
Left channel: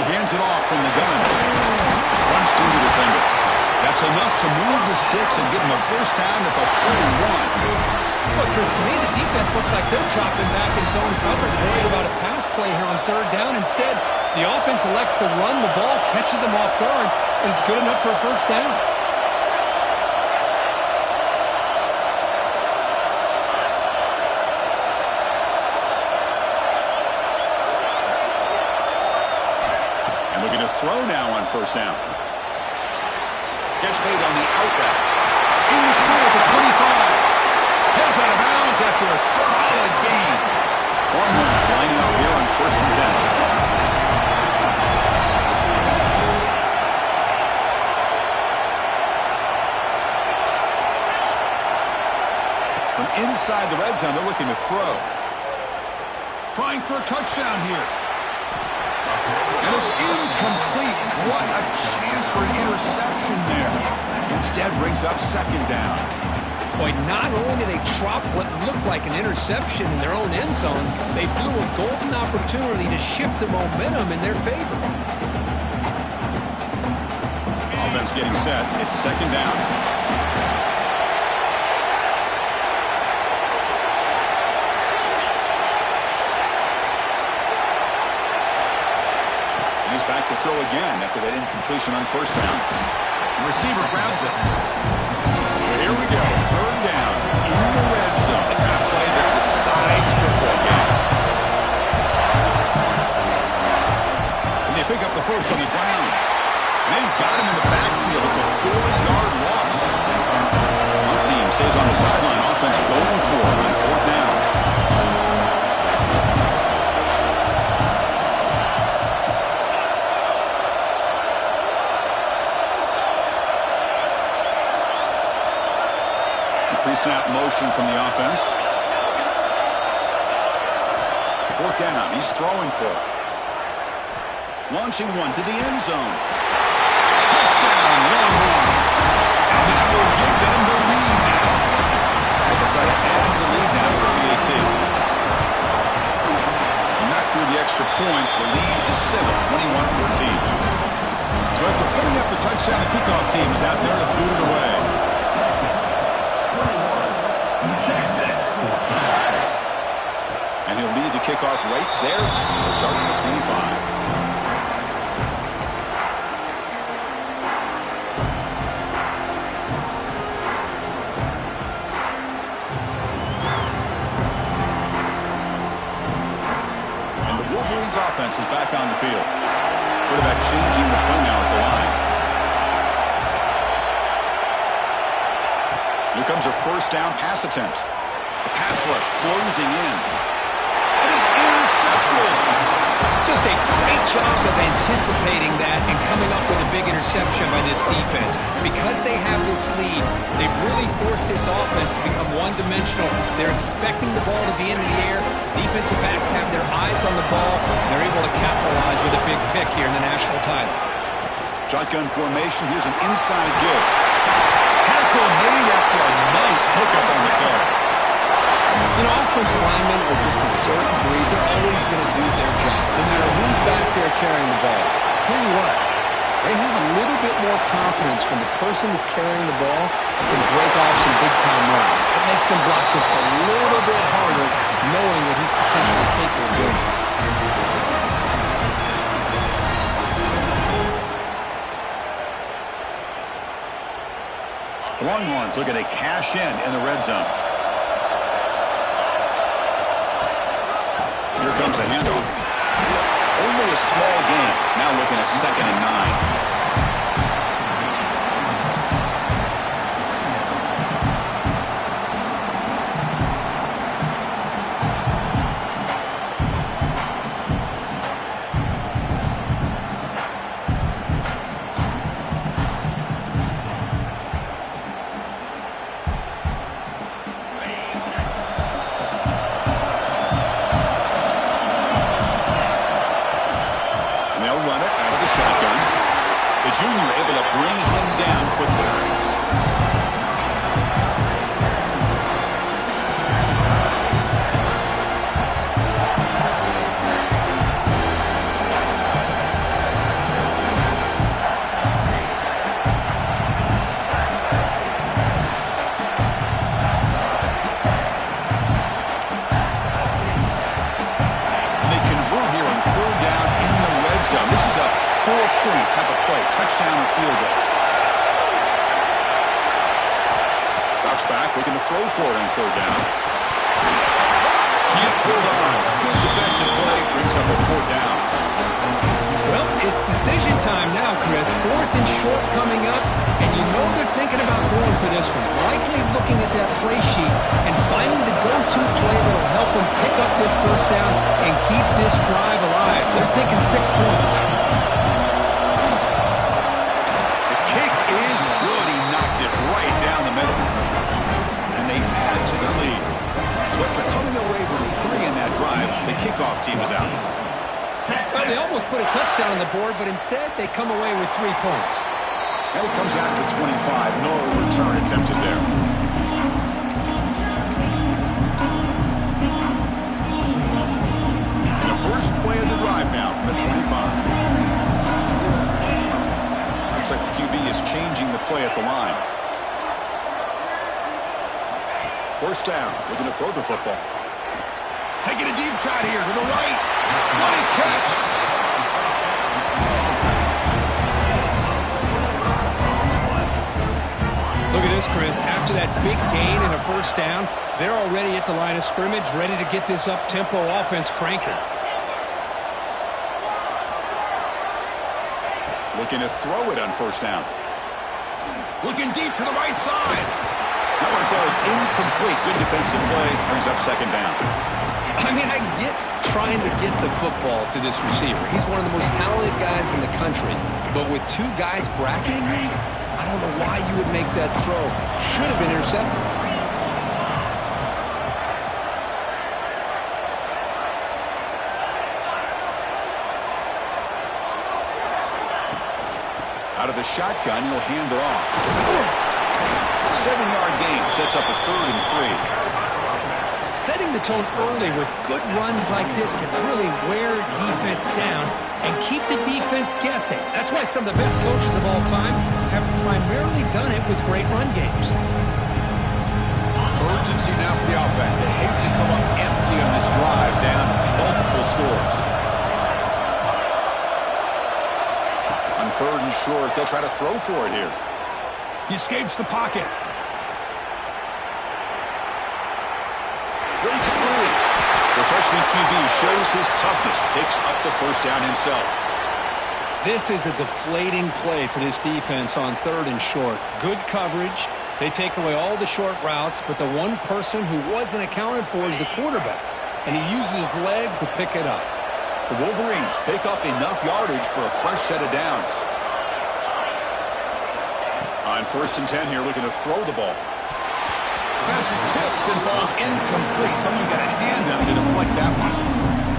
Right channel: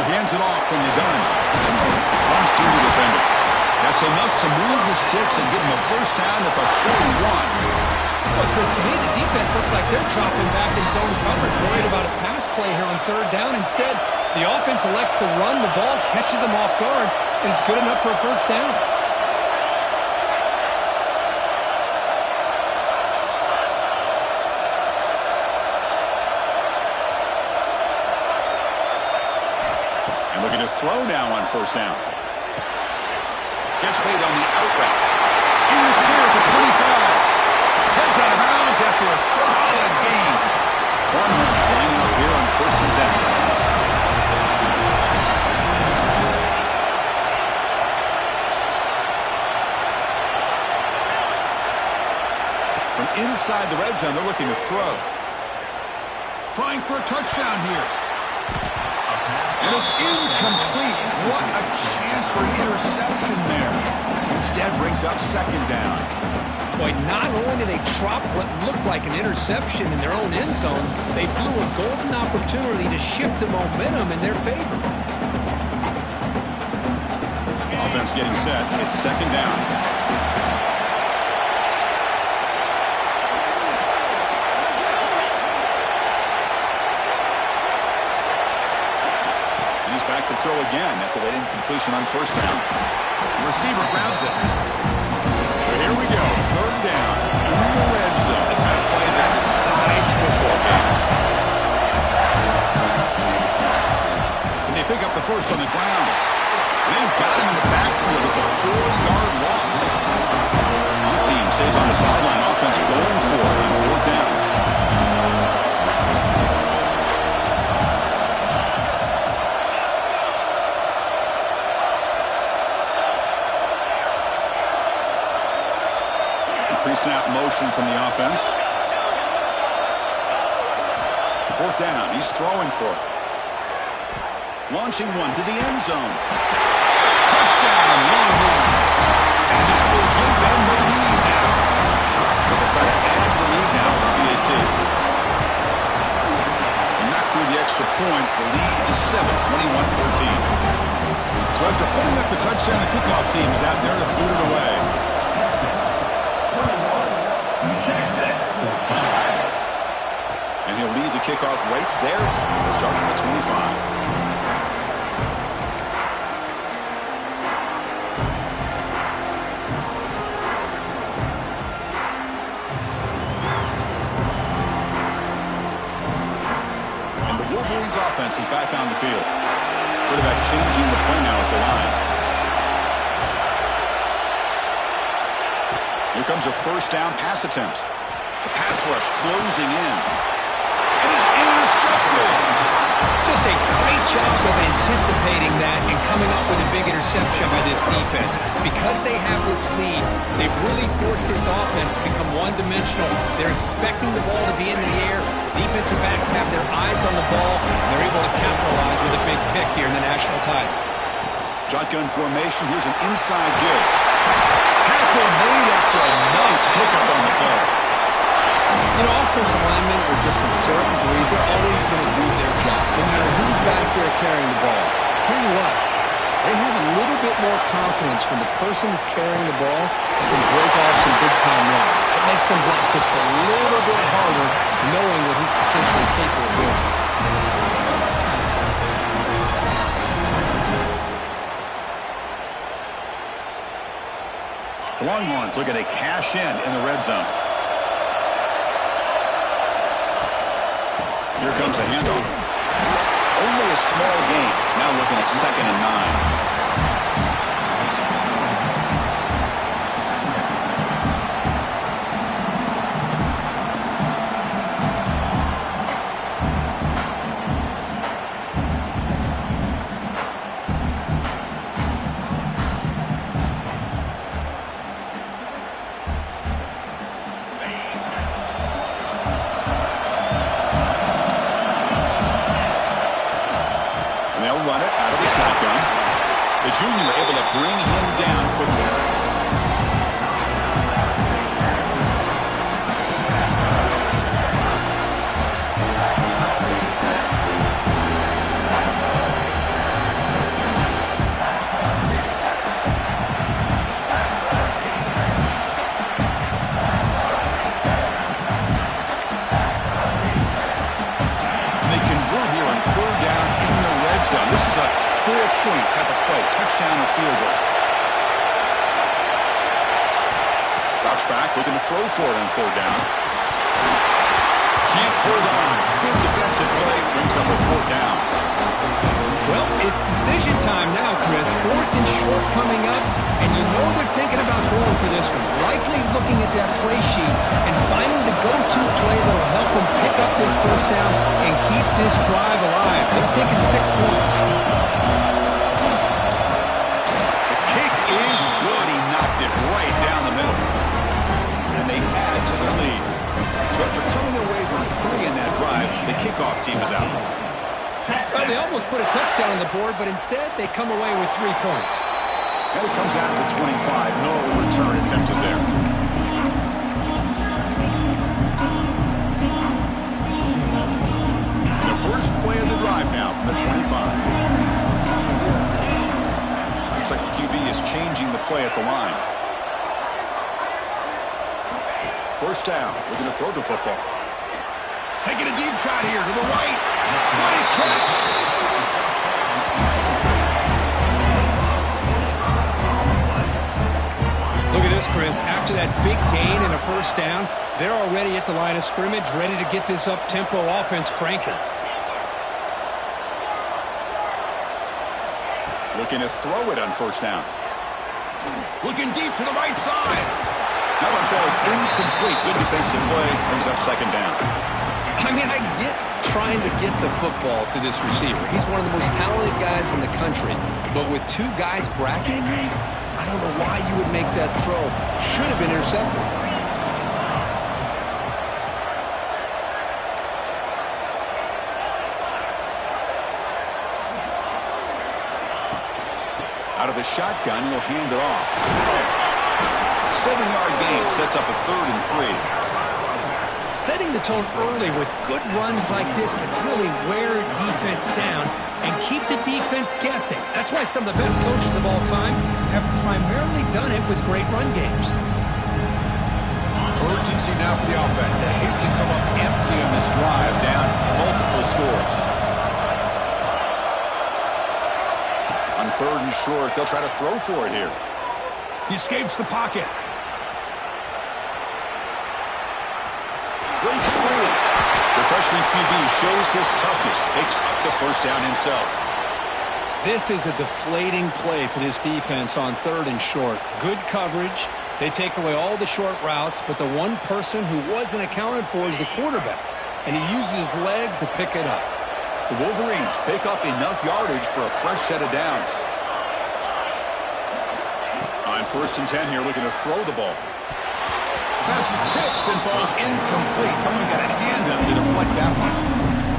He hands it off from the gun. Runs through the defender. That's enough to move the sticks and give him a first down at the 41. Well, Chris, to me, the defense looks like they're dropping back in zone coverage, worried about a pass play here on 3rd down. Instead, the offense elects to run the ball, catches them off guard, and it's good enough for a first down. Looking to throw now on first down. Catch made on the out route. In the clear at the 25. Heads out of bounds after a solid gain. Longhorns lining up here on 1st and 10. From inside the red zone, they're looking to throw. Trying for a touchdown here. And it's incomplete. What a chance for an interception there. Instead brings up 2nd down. Boy, not only did they drop what looked like an interception in their own end zone, they blew a golden opportunity to shift the momentum in their favor. Offense getting set. It's 2nd down. He's back to throw again after that incompletion on first down. The receiver grabs it. So here we go. 3rd down in the red zone. The kind of play that decides football games. And they pick up the first on the ground. And they've got him in the backfield. It's a 4-yard loss. One team stays on the sideline. Offense going for it on 4th down. Pre-snap motion from the offense. 4th down. He's throwing for it. Launching one to the end zone. Touchdown, Longhorns. And that will give them the lead now. They'll try to add the lead now with a PAT. And knocked through the extra extra point. The lead is 7, 21-14. So after putting up the touchdown, the kickoff team is out there to boot it away. Texas 21. And he'll lead the kickoff right there. He'll start at the 25. Wolverines offense is back on the field. Quarterback changing the play now at the line. Here comes a first down pass attempt. The pass rush closing in. It is intercepted. Just a great job of anticipating that and coming up with a big interception by this defense. Because they have this lead, they've really forced this offense to become one-dimensional. They're expecting the ball to be in the air. The defensive backs have their eyes on the ball, and they're able to capitalize with a big pick here in the national title. Shotgun formation. Here's an inside give. Tackle made after a nice pickup on the play. You know, offensive linemen are just a certain breed. They're always going to do their job, no matter who's back there carrying the ball. I'll tell you what, they have a little bit more confidence when the person that's carrying the ball can break off some big-time runs. It makes them block just a little bit harder, knowing what he's potentially capable of doing. The Longhorns looking to cash in the red zone. Here comes a handoff. Only a small gain. Now looking at 2nd and 9. Run it out of the shotgun. The junior able to bring him down quickly. And they convert here on 3rd down in the red zone. This is a 4-point type of play, touchdown or field goal. Drops back, looking to throw for it on 3rd down. Can't hold on. Good defensive play, brings up a 4th down. Well, it's decision time now, Chris. 4th and short coming up, and you know they're thinking about going for this one. Likely looking at that play sheet and finding the go-to play that'll help them pick up this first down and keep this drive alive. They're thinking 6 points. The kick is good. He knocked it right down the middle. And they add to their lead. So after coming away with 3 in that drive, the kickoff team is out. Well, they almost put a touchdown on the board, but instead they come away with 3 points. And it comes out to the 25. No return attempted there. The first play of the drive now from the 25. Looks like the QB is changing the play at the line. First down, looking to throw the football. Taking a deep shot here to the right. What a catch! Look at this, Chris. After that big gain and a first down, they're already at the line of scrimmage, ready to get this up-tempo offense cranking. Looking to throw it on first down. Looking deep to the right side. That one falls incomplete. Good defensive play. Brings up 2nd down. I mean, I get trying to get the football to this receiver. He's one of the most talented guys in the country. But with 2 guys bracketing him, I don't know why you would make that throw. Should have been intercepted. Out of the shotgun, he'll hand it off. 7-yard gain sets up a 3rd and 3. Setting the tone early with good runs like this can really wear defense down and keep the defense guessing. That's why some of the best coaches of all time have primarily done it with great run games. Urgency now for the offense. They hate to come up empty on this drive, down multiple scores. On 3rd and short, they'll try to throw for it here. He escapes the pocket. Breaks free. The freshman QB shows his toughness, picks up the first down himself. This is a deflating play for this defense on 3rd and short. Good coverage. They take away all the short routes, but the one person who wasn't accounted for is the quarterback, and he uses his legs to pick it up. The Wolverines pick up enough yardage for a fresh set of downs. On 1st and 10 here, looking to throw the ball. Pass is tipped and falls incomplete. Someone got a hand up to deflect that one.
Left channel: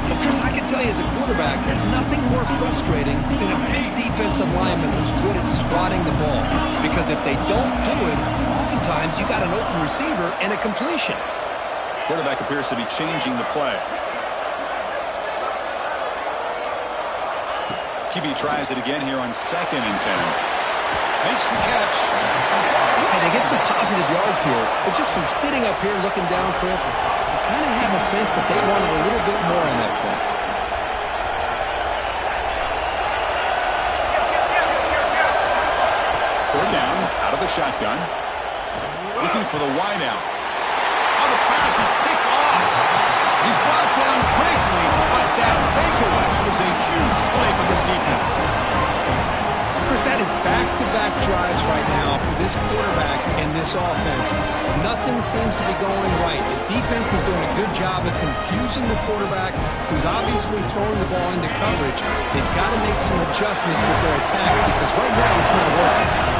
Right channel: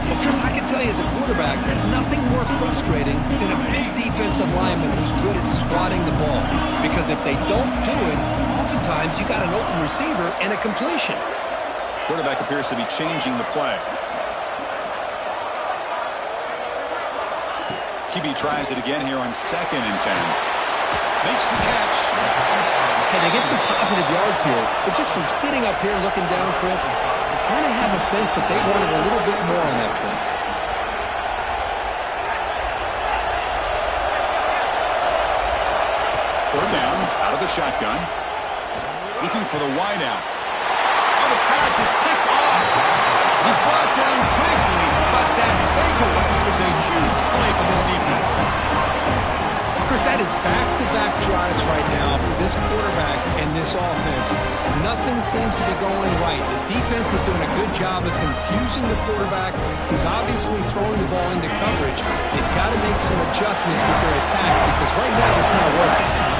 Well, Chris, I can tell you as a quarterback, there's nothing more frustrating than a big defensive lineman who's good at swatting the ball. Because if they don't do it, oftentimes you got an open receiver and a completion. Quarterback appears to be changing the play. QB tries it again here on 2nd and 10. Makes the catch. Hey, they get some positive yards here, but just from sitting up here looking down, Chris, you kind of have a sense that they wanted a little bit more on that play. 3rd down, out of the shotgun. Looking for the wide out. Oh, the pass is picked off. He's brought down quickly, but that takeaway was a huge play for this defense. Chris, that is back-to-back drives right now for this quarterback and this offense. Nothing seems to be going right. The defense is doing a good job of confusing the quarterback, who's obviously throwing the ball into coverage. They've got to make some adjustments with their attack because right now it's not working.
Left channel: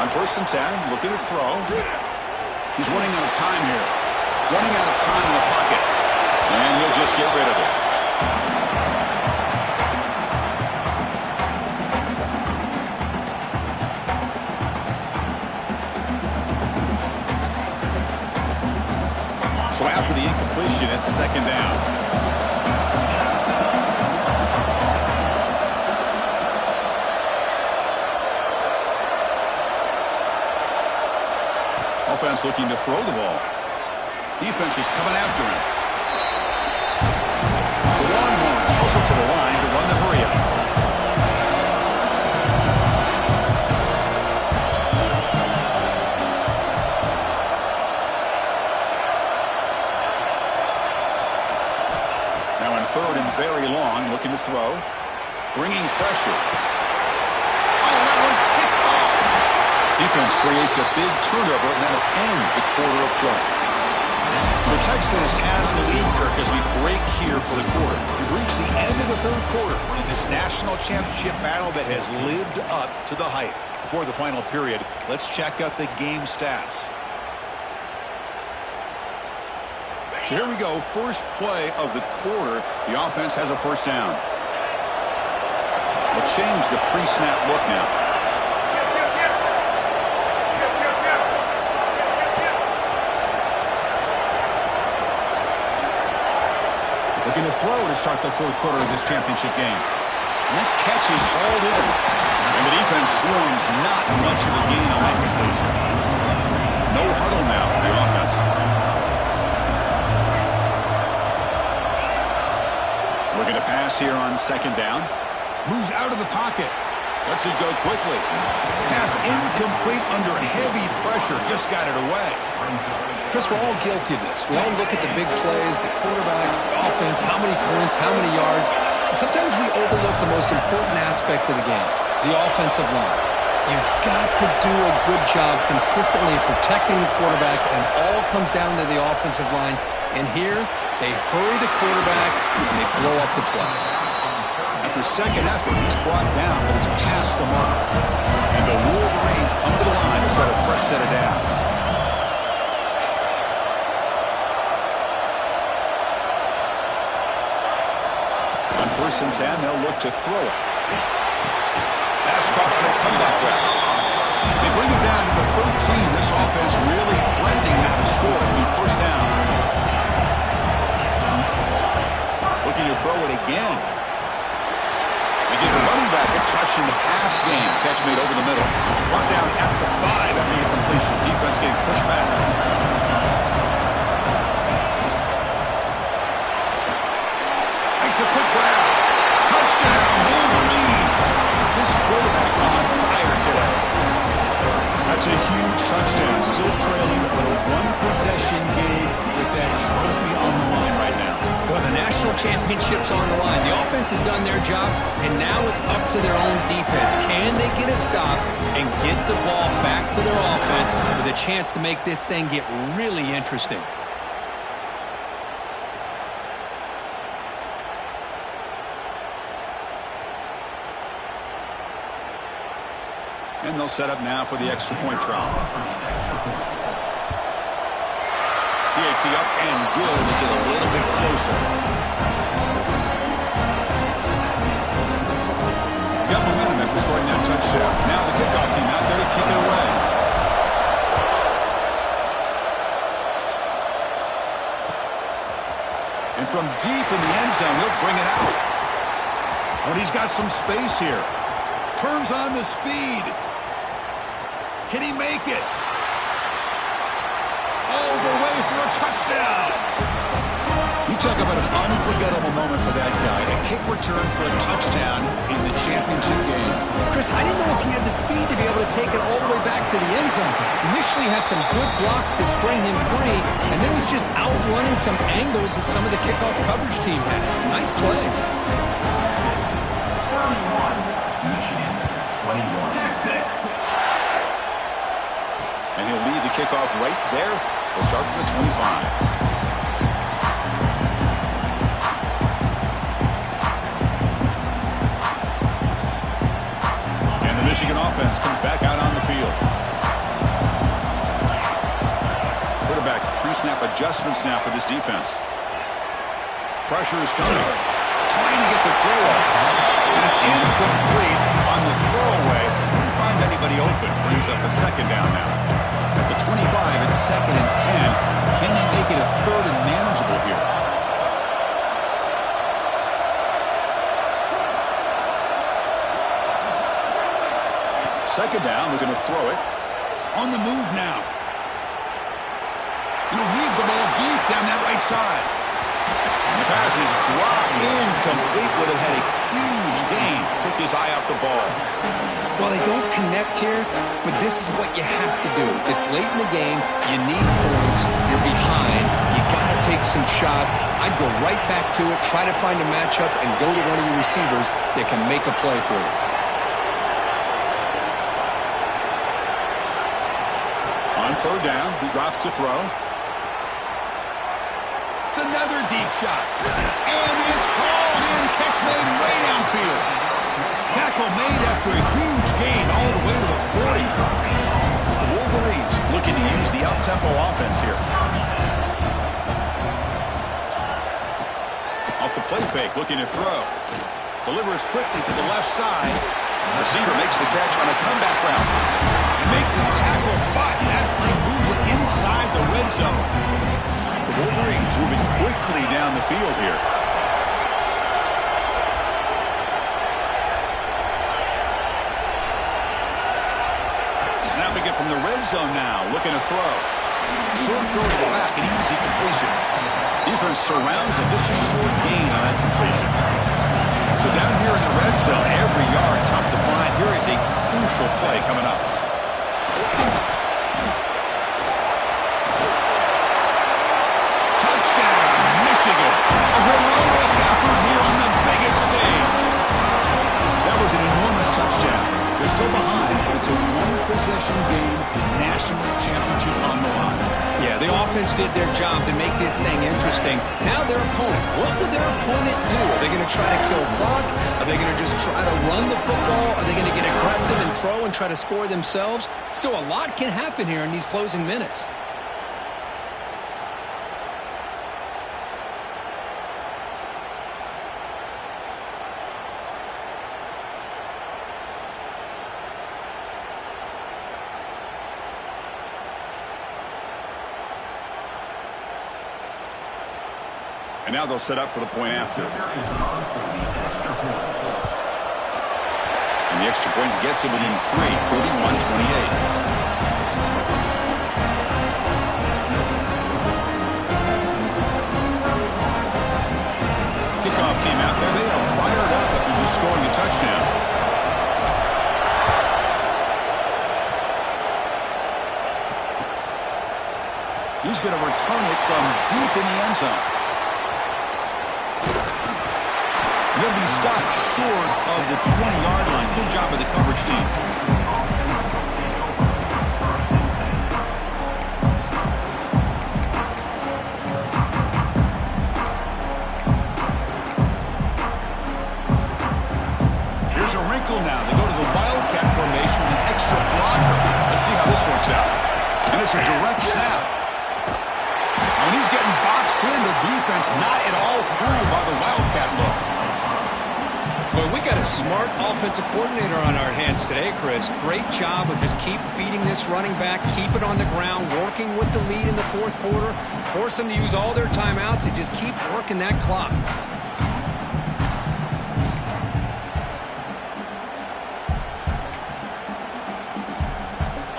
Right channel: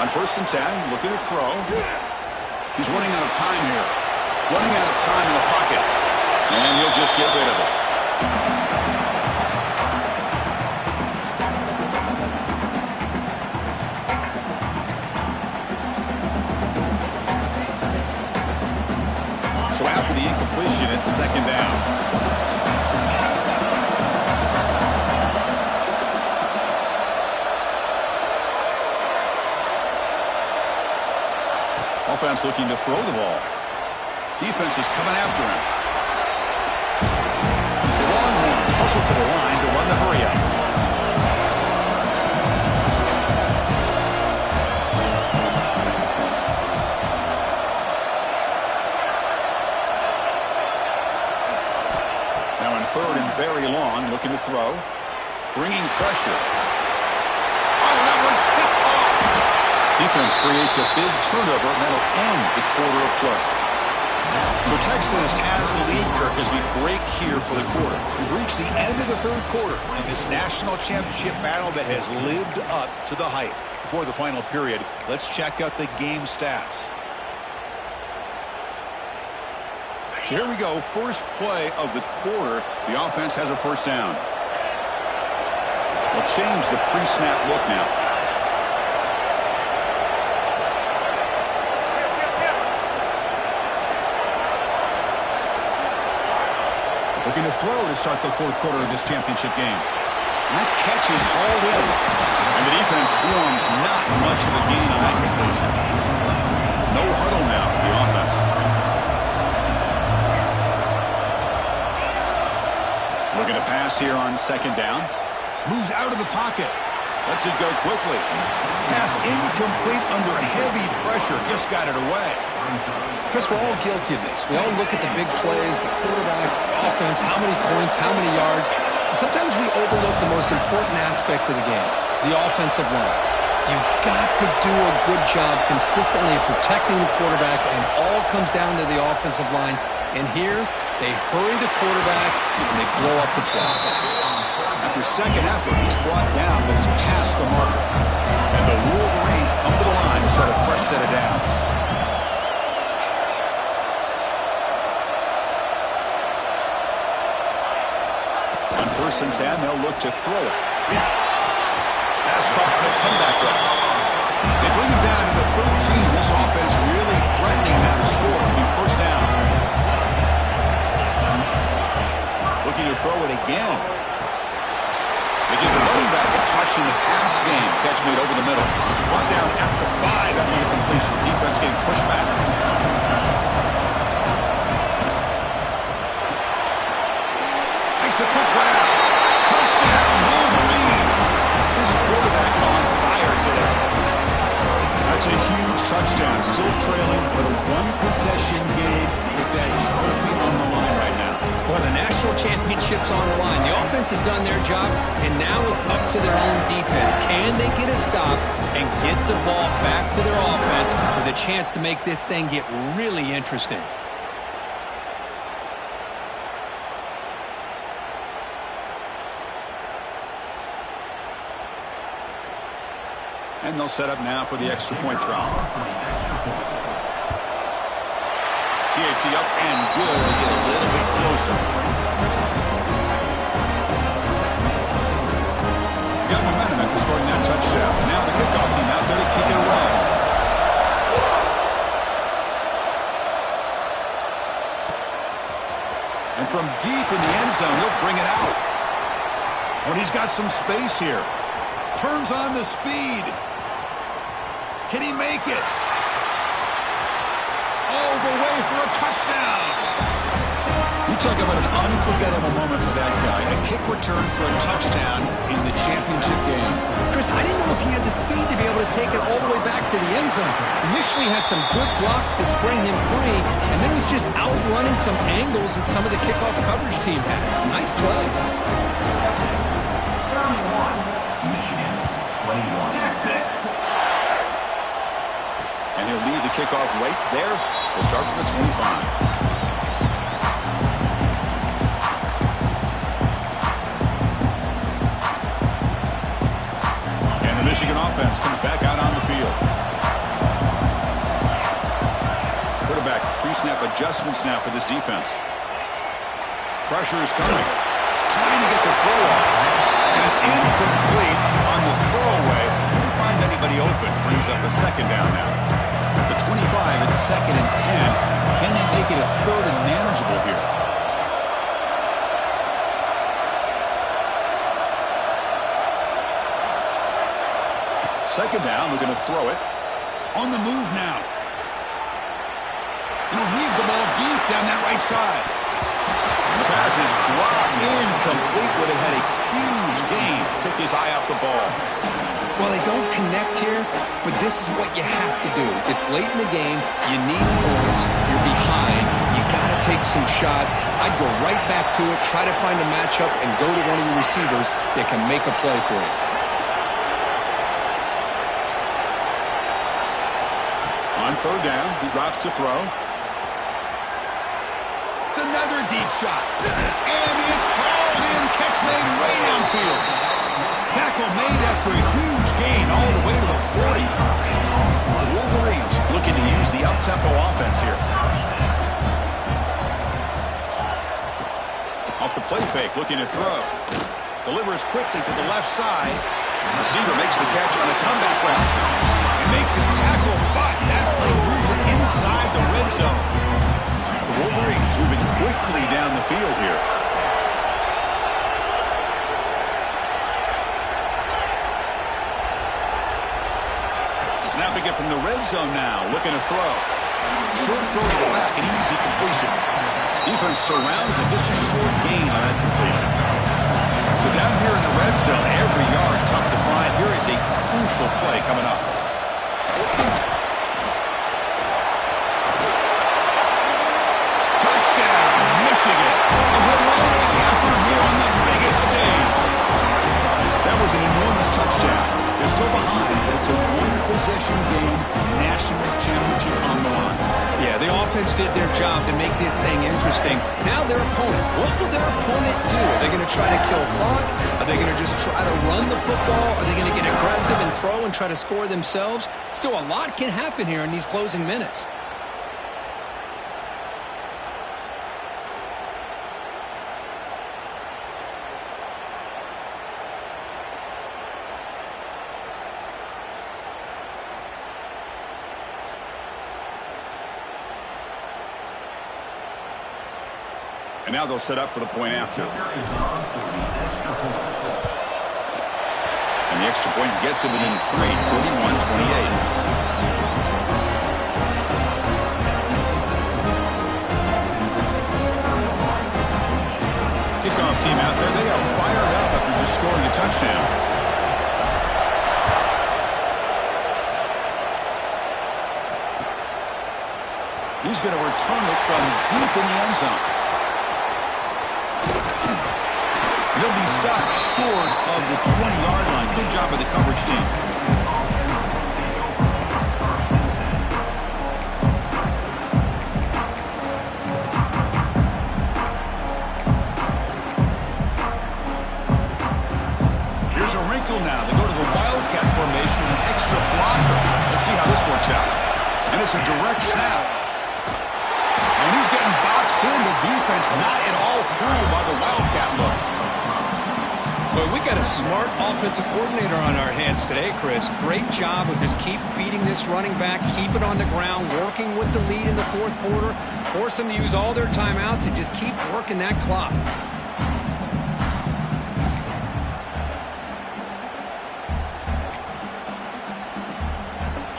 On 1st and 10, looking to throw. He's running out of time here. Running out of time in the pocket. And he'll just get rid of it. So after the incompletion, it's 2nd down. Offense looking to throw the ball. Defense is coming after him. The Longhorns hustle to the line to run the hurry up. Now in 3rd and very long, looking to throw. Bringing pressure. Oh, that one's picked off. Defense creates a big turnover, and that'll end the quarter of play. So Texas has the lead, Kirk, as we break here for the quarter. We've reached the end of the 3rd quarter in this national championship battle that has lived up to the hype. Before the final period, let's check out the game stats. So here we go, first play of the quarter. The offense has a 1st down. They'll change the pre-snap look now. Looking to throw to start the 4th quarter of this championship game. And that catch is hauled in. And the defense swarms not much of a gain on that completion. No huddle now for the offense. Looking to pass here on 2nd down. Moves out of the pocket. Lets it go quickly. Pass incomplete under heavy pressure. Just got it away. Chris, we're all guilty of this. We all look at the big plays, the quarterbacks, the offense, how many points, how many yards. And sometimes we overlook the most important aspect of the game, the offensive line. You've got to do a good job consistently protecting the quarterback, and it all comes down to the offensive line. And here, they hurry the quarterback, and they blow up the play. After second effort, he's brought down, but it's past the marker. And the Wolverines come to the line to set a fresh set of downs. On 1st and 10. They'll look to throw it. Pass caught on a comeback route. They bring him down to the 13. This offense really threatening now to score. It'll be 1st down. Looking to throw it again. They give the running back a touch in the pass game. Catch made over the middle. Run down at the 5 after the completion. Defense getting pushed back. Makes a quick grab. Touchdown, Wolverines. This quarterback on fire today. That's a huge touchdown. Still trailing, but a one-possession game with that trophy on the line right now. Well, the national championship's on the line. The offense has done their job, and now it's up to their own defense. Can they get a stop and get the ball back to their offense with a chance to make this thing get really interesting? And they'll set up now for the extra point try. PAT up and good. They get a little bit closer. Got momentum after scoring that touchdown. Now the kickoff team out there to kick it away. And from deep in the end zone, he'll bring it out. Oh, and he's got some space here. Turns on the speed. Can he make it? All the way for a touchdown. You talk about an unforgettable moment for that guy. A kick return for a touchdown in the championship game. Chris, I didn't know if he had the speed to be able to take it all the way back to the end zone. Initially had some good blocks to spring him free, and then was just outrunning some angles that some of the kickoff coverage team had. Nice play. 31, Michigan, 21, Texas. And he'll lead the kickoff right there. He'll start from the 25. And the Michigan offense comes back out on the field. Quarterback pre-snap adjustments now for this defense. Pressure is coming. Trying to get the throw off. And it's incomplete on the throwaway. Couldn't find anybody open. Brings up a 2nd down now. At the 25, it's 2nd and 10. Can they make it a 3rd and manageable here? Second down, we're going to throw it. On the move now. And he'll heave the ball deep down that right side. And the pass is dropped incomplete. Would have had a huge gain. Took his eye off the ball. Well, they don't connect here, but this is what you have to do. It's late in the game. You need points. You're behind. You got to take some shots. I'd go right back to it, try to find a matchup, and go to one of your receivers that can make a play for you. On 3rd down, he drops to throw. It's another deep shot. And it's hauled in. Catch made way downfield. Tackle made after a huge gain all the way to the 40. The Wolverines looking to use the up-tempo offense here. Off the play fake, looking to throw. Delivers quickly to the left side. Receiver makes the catch on a comeback route. And make the tackle, but that play moves it inside the red zone. The Wolverines moving quickly down the field here. Snapping it from the red zone now, looking to throw. Short throw to the back, an easy completion. Defense surrounds him, just a short gain on that completion. So down here in the red zone, every yard tough to find. Here is a crucial play coming up. Touchdown, Michigan. A heroic effort here on the biggest stage. That was an enormous touchdown. They're still behind, but it's a one-possession game, national championship on the line. Yeah, the offense did their job to make this thing interesting. Now their opponent. What will their opponent do? Are they going to try to kill clock? Are they going to just try to run the football? Are they going to get aggressive and throw and try to score themselves? Still, a lot can happen here in these closing minutes. And now they'll set up for the point after. And the extra point gets it within 3, 31-28. Kickoff team out there. They are fired up after just scoring a touchdown. He's going to return it from deep in the end zone. He'll be stopped short of the 20-yard line. Good job by the coverage team. Here's a wrinkle now. They go to the Wildcat formation with an extra blocker. Let's see how this works out. And it's a direct snap. When he's getting boxed in, the defense not at all fooled by the Wildcat look. Well, we got a smart offensive coordinator on our hands today, Chris. Great job of just keep feeding this running back, keep it on the ground, working with the lead in the fourth quarter, force them to use all their timeouts, and just keep working that clock.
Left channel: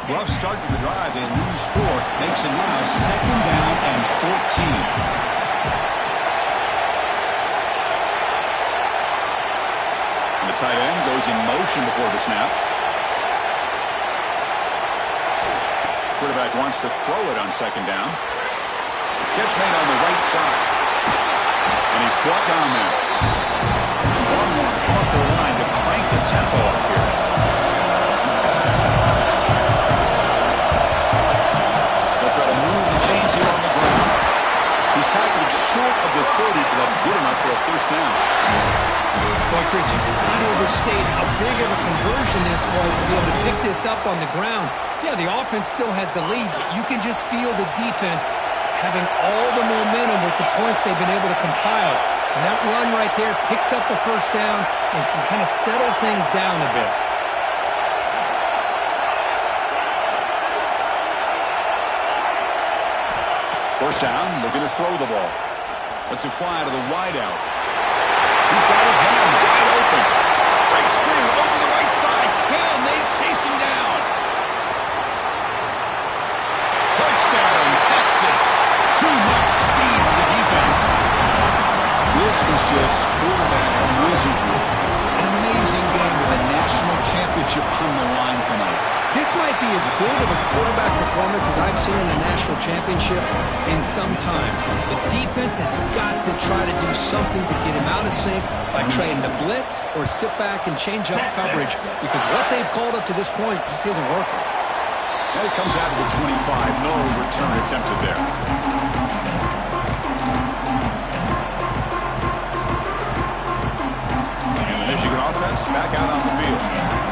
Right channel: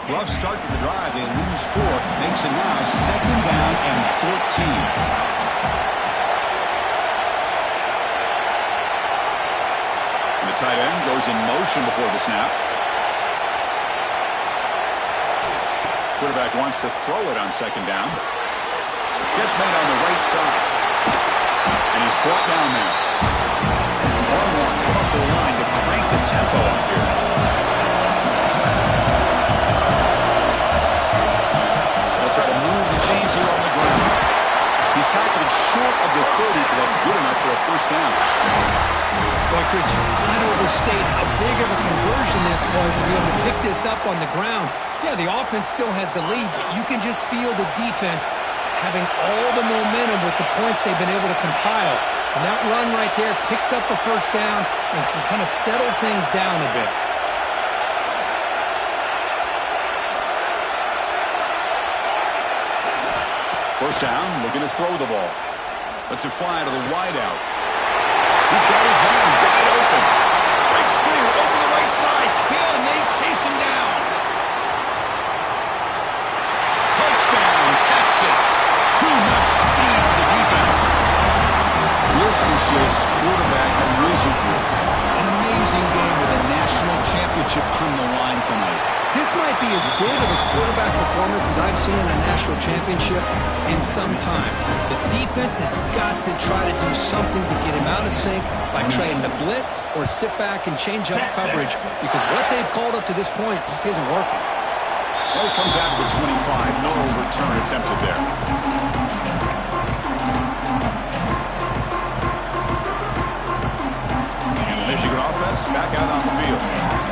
Rough start to the drive. They lose 4. Makes it now 2nd down and 14. And the tight end goes in motion before the snap. Quarterback wants to throw it on 2nd down. Catch made on the right side. And he's brought down there. Longhorns come up to the line to crank the tempo up here. Try to move the chains here on the ground. He's tackled short of the 30, but that's good enough for a first down. Boy, Chris, you cannot overstate how big of a conversion this was to be able to pick this up on the ground. Yeah, the offense still has the lead, but you can just feel the defense having all the momentum with the points they've been able to compile. And that run right there picks up a first down and can kind of settle things down a bit. First down, looking to throw the ball. Lets it fly to the wideout. He's got his man wide open. Breaks clear over the right side. Can they chase him down? Touchdown, Texas. Too much speed for the defense. This is just quarterback wizardry. An amazing game with a national championship on the line tonight. This might be as good of a quarterback performance as I've seen in a national championship in some time. The defense has got to try to do something to get him out of sync by trying to blitz or sit back and change up coverage, because what they've called up to this point just isn't working. And it comes out to the 25. No return attempted there. And the Michigan offense back out on the field.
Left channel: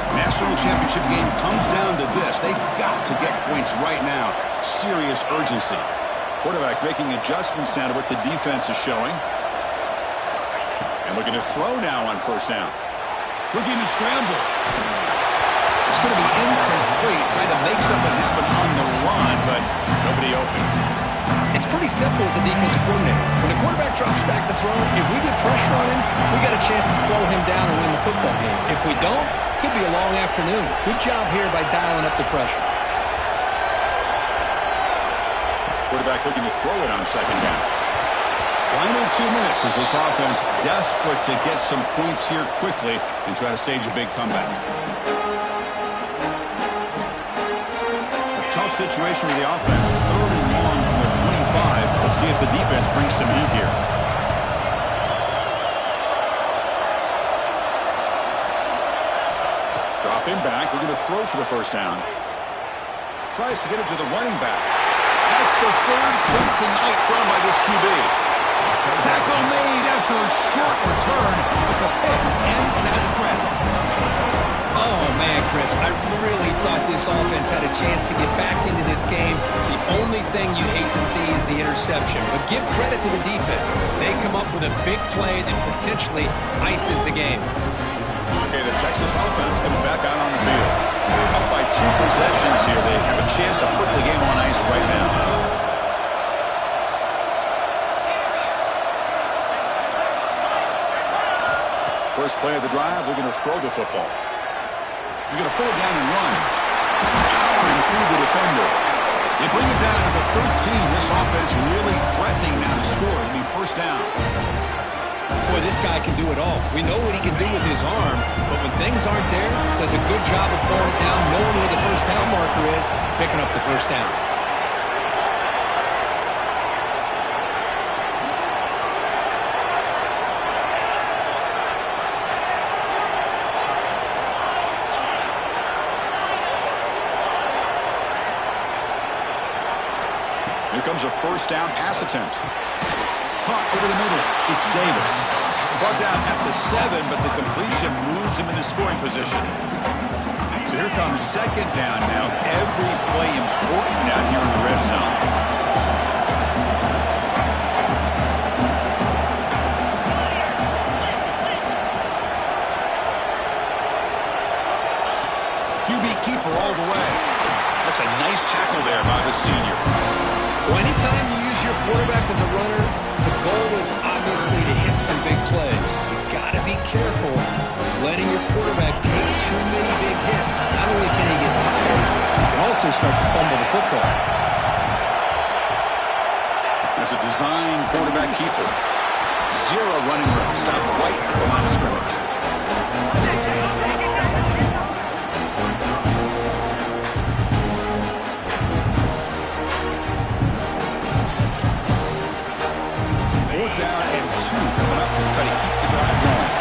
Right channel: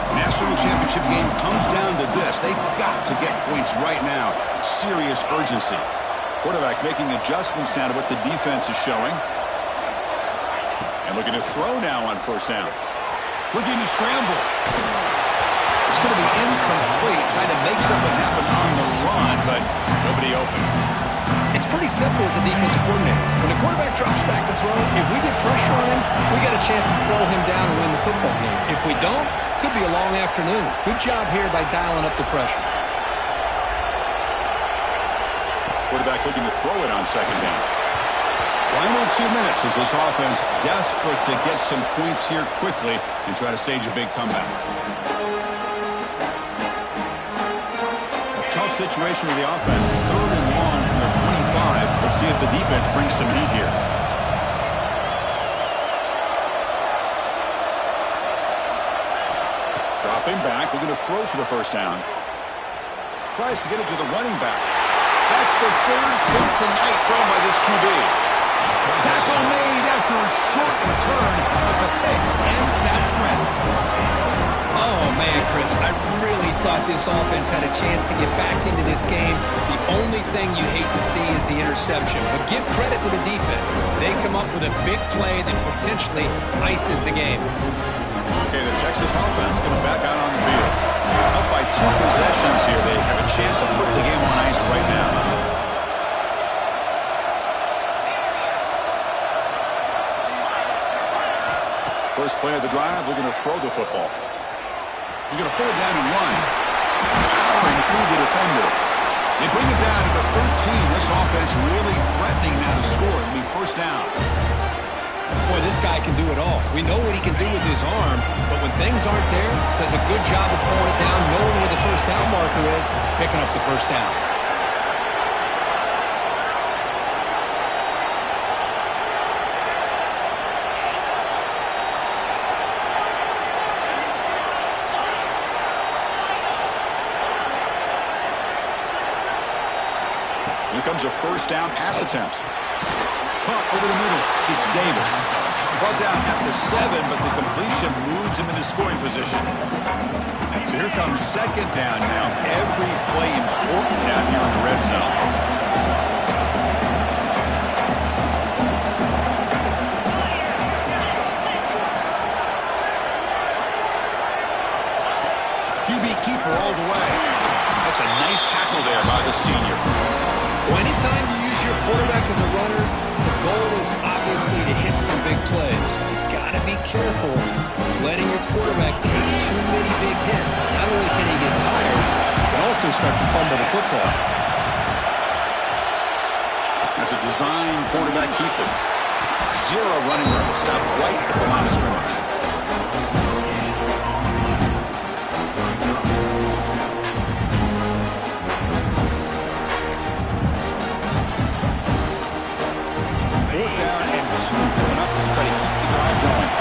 National championship game comes down to this. They've got to get points right now. Serious urgency. Quarterback making adjustments now to what the defense is showing. And looking to throw now on first down. Looking to scramble. It's going to be incomplete. Trying to make something happen on the run, but nobody open. It's pretty simple as a defensive coordinator. When the quarterback drops back to throw, if we get pressure on him, we got a chance to slow him down and win the football game. If we don't, could be a long afternoon. Good job here by dialing up the pressure. Quarterback looking to throw it on second down. Final 2 minutes as this offense desperate to get some points here quickly and try to stage a big comeback. A tough situation for the offense. 3rd and long from their 25. Let's see if the defense brings some heat here. Dropping back, looking to throw for the first down. Tries to get it to the running back. That's the 3rd pick tonight thrown by this QB. Tackle made after a short return, but the pick ends that threat. Oh, man, Chris, I really thought this offense had a chance to get back into this game. The only thing you hate to see is the interception. But give credit to the defense. They come up with a big play that potentially ices the game. Okay, the Texas offense comes back out on the field. Up by 2 possessions here. They have a chance to put the game on ice right now. First play of the drive, looking to throw the football. He's going to pull it down and run. Powering through the defender. They bring it down to the 13. This offense really threatening now to score. It'll be first down. Boy, this guy can do it all. We know what he can do with his arm, but when things aren't there, does a good job of pulling it down, knowing where the first down marker is, picking up the first down. Here comes a first down pass attempt. Caught over the middle. It's Davis. Brought down at the 7, but the completion moves him into scoring position. So here comes second down now. Every play important down here in the red zone. QB keeper all the way. That's a nice tackle there by the senior. Well, anytime you use your quarterback as a runner, the goal is obviously to hit some big plays. You've got to be careful letting your quarterback take too many big hits. Not only can he get tired, he can also start to fumble the football. That's a design quarterback keeper. Zero running room. Stop right at the line of scrimmage. Down and 2 coming up to try to keep the drive going.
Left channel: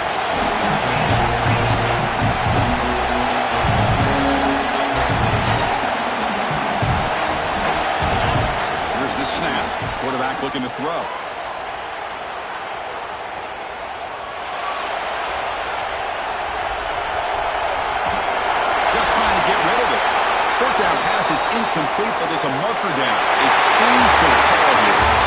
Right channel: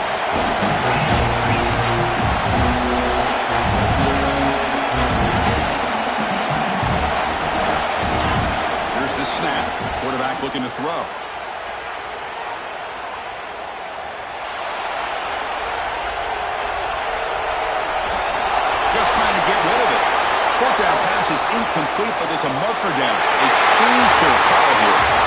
Here's the snap. Quarterback looking to throw. Just trying to get rid of it. Fourth down pass is incomplete, but there's a marker down. A crucial call here.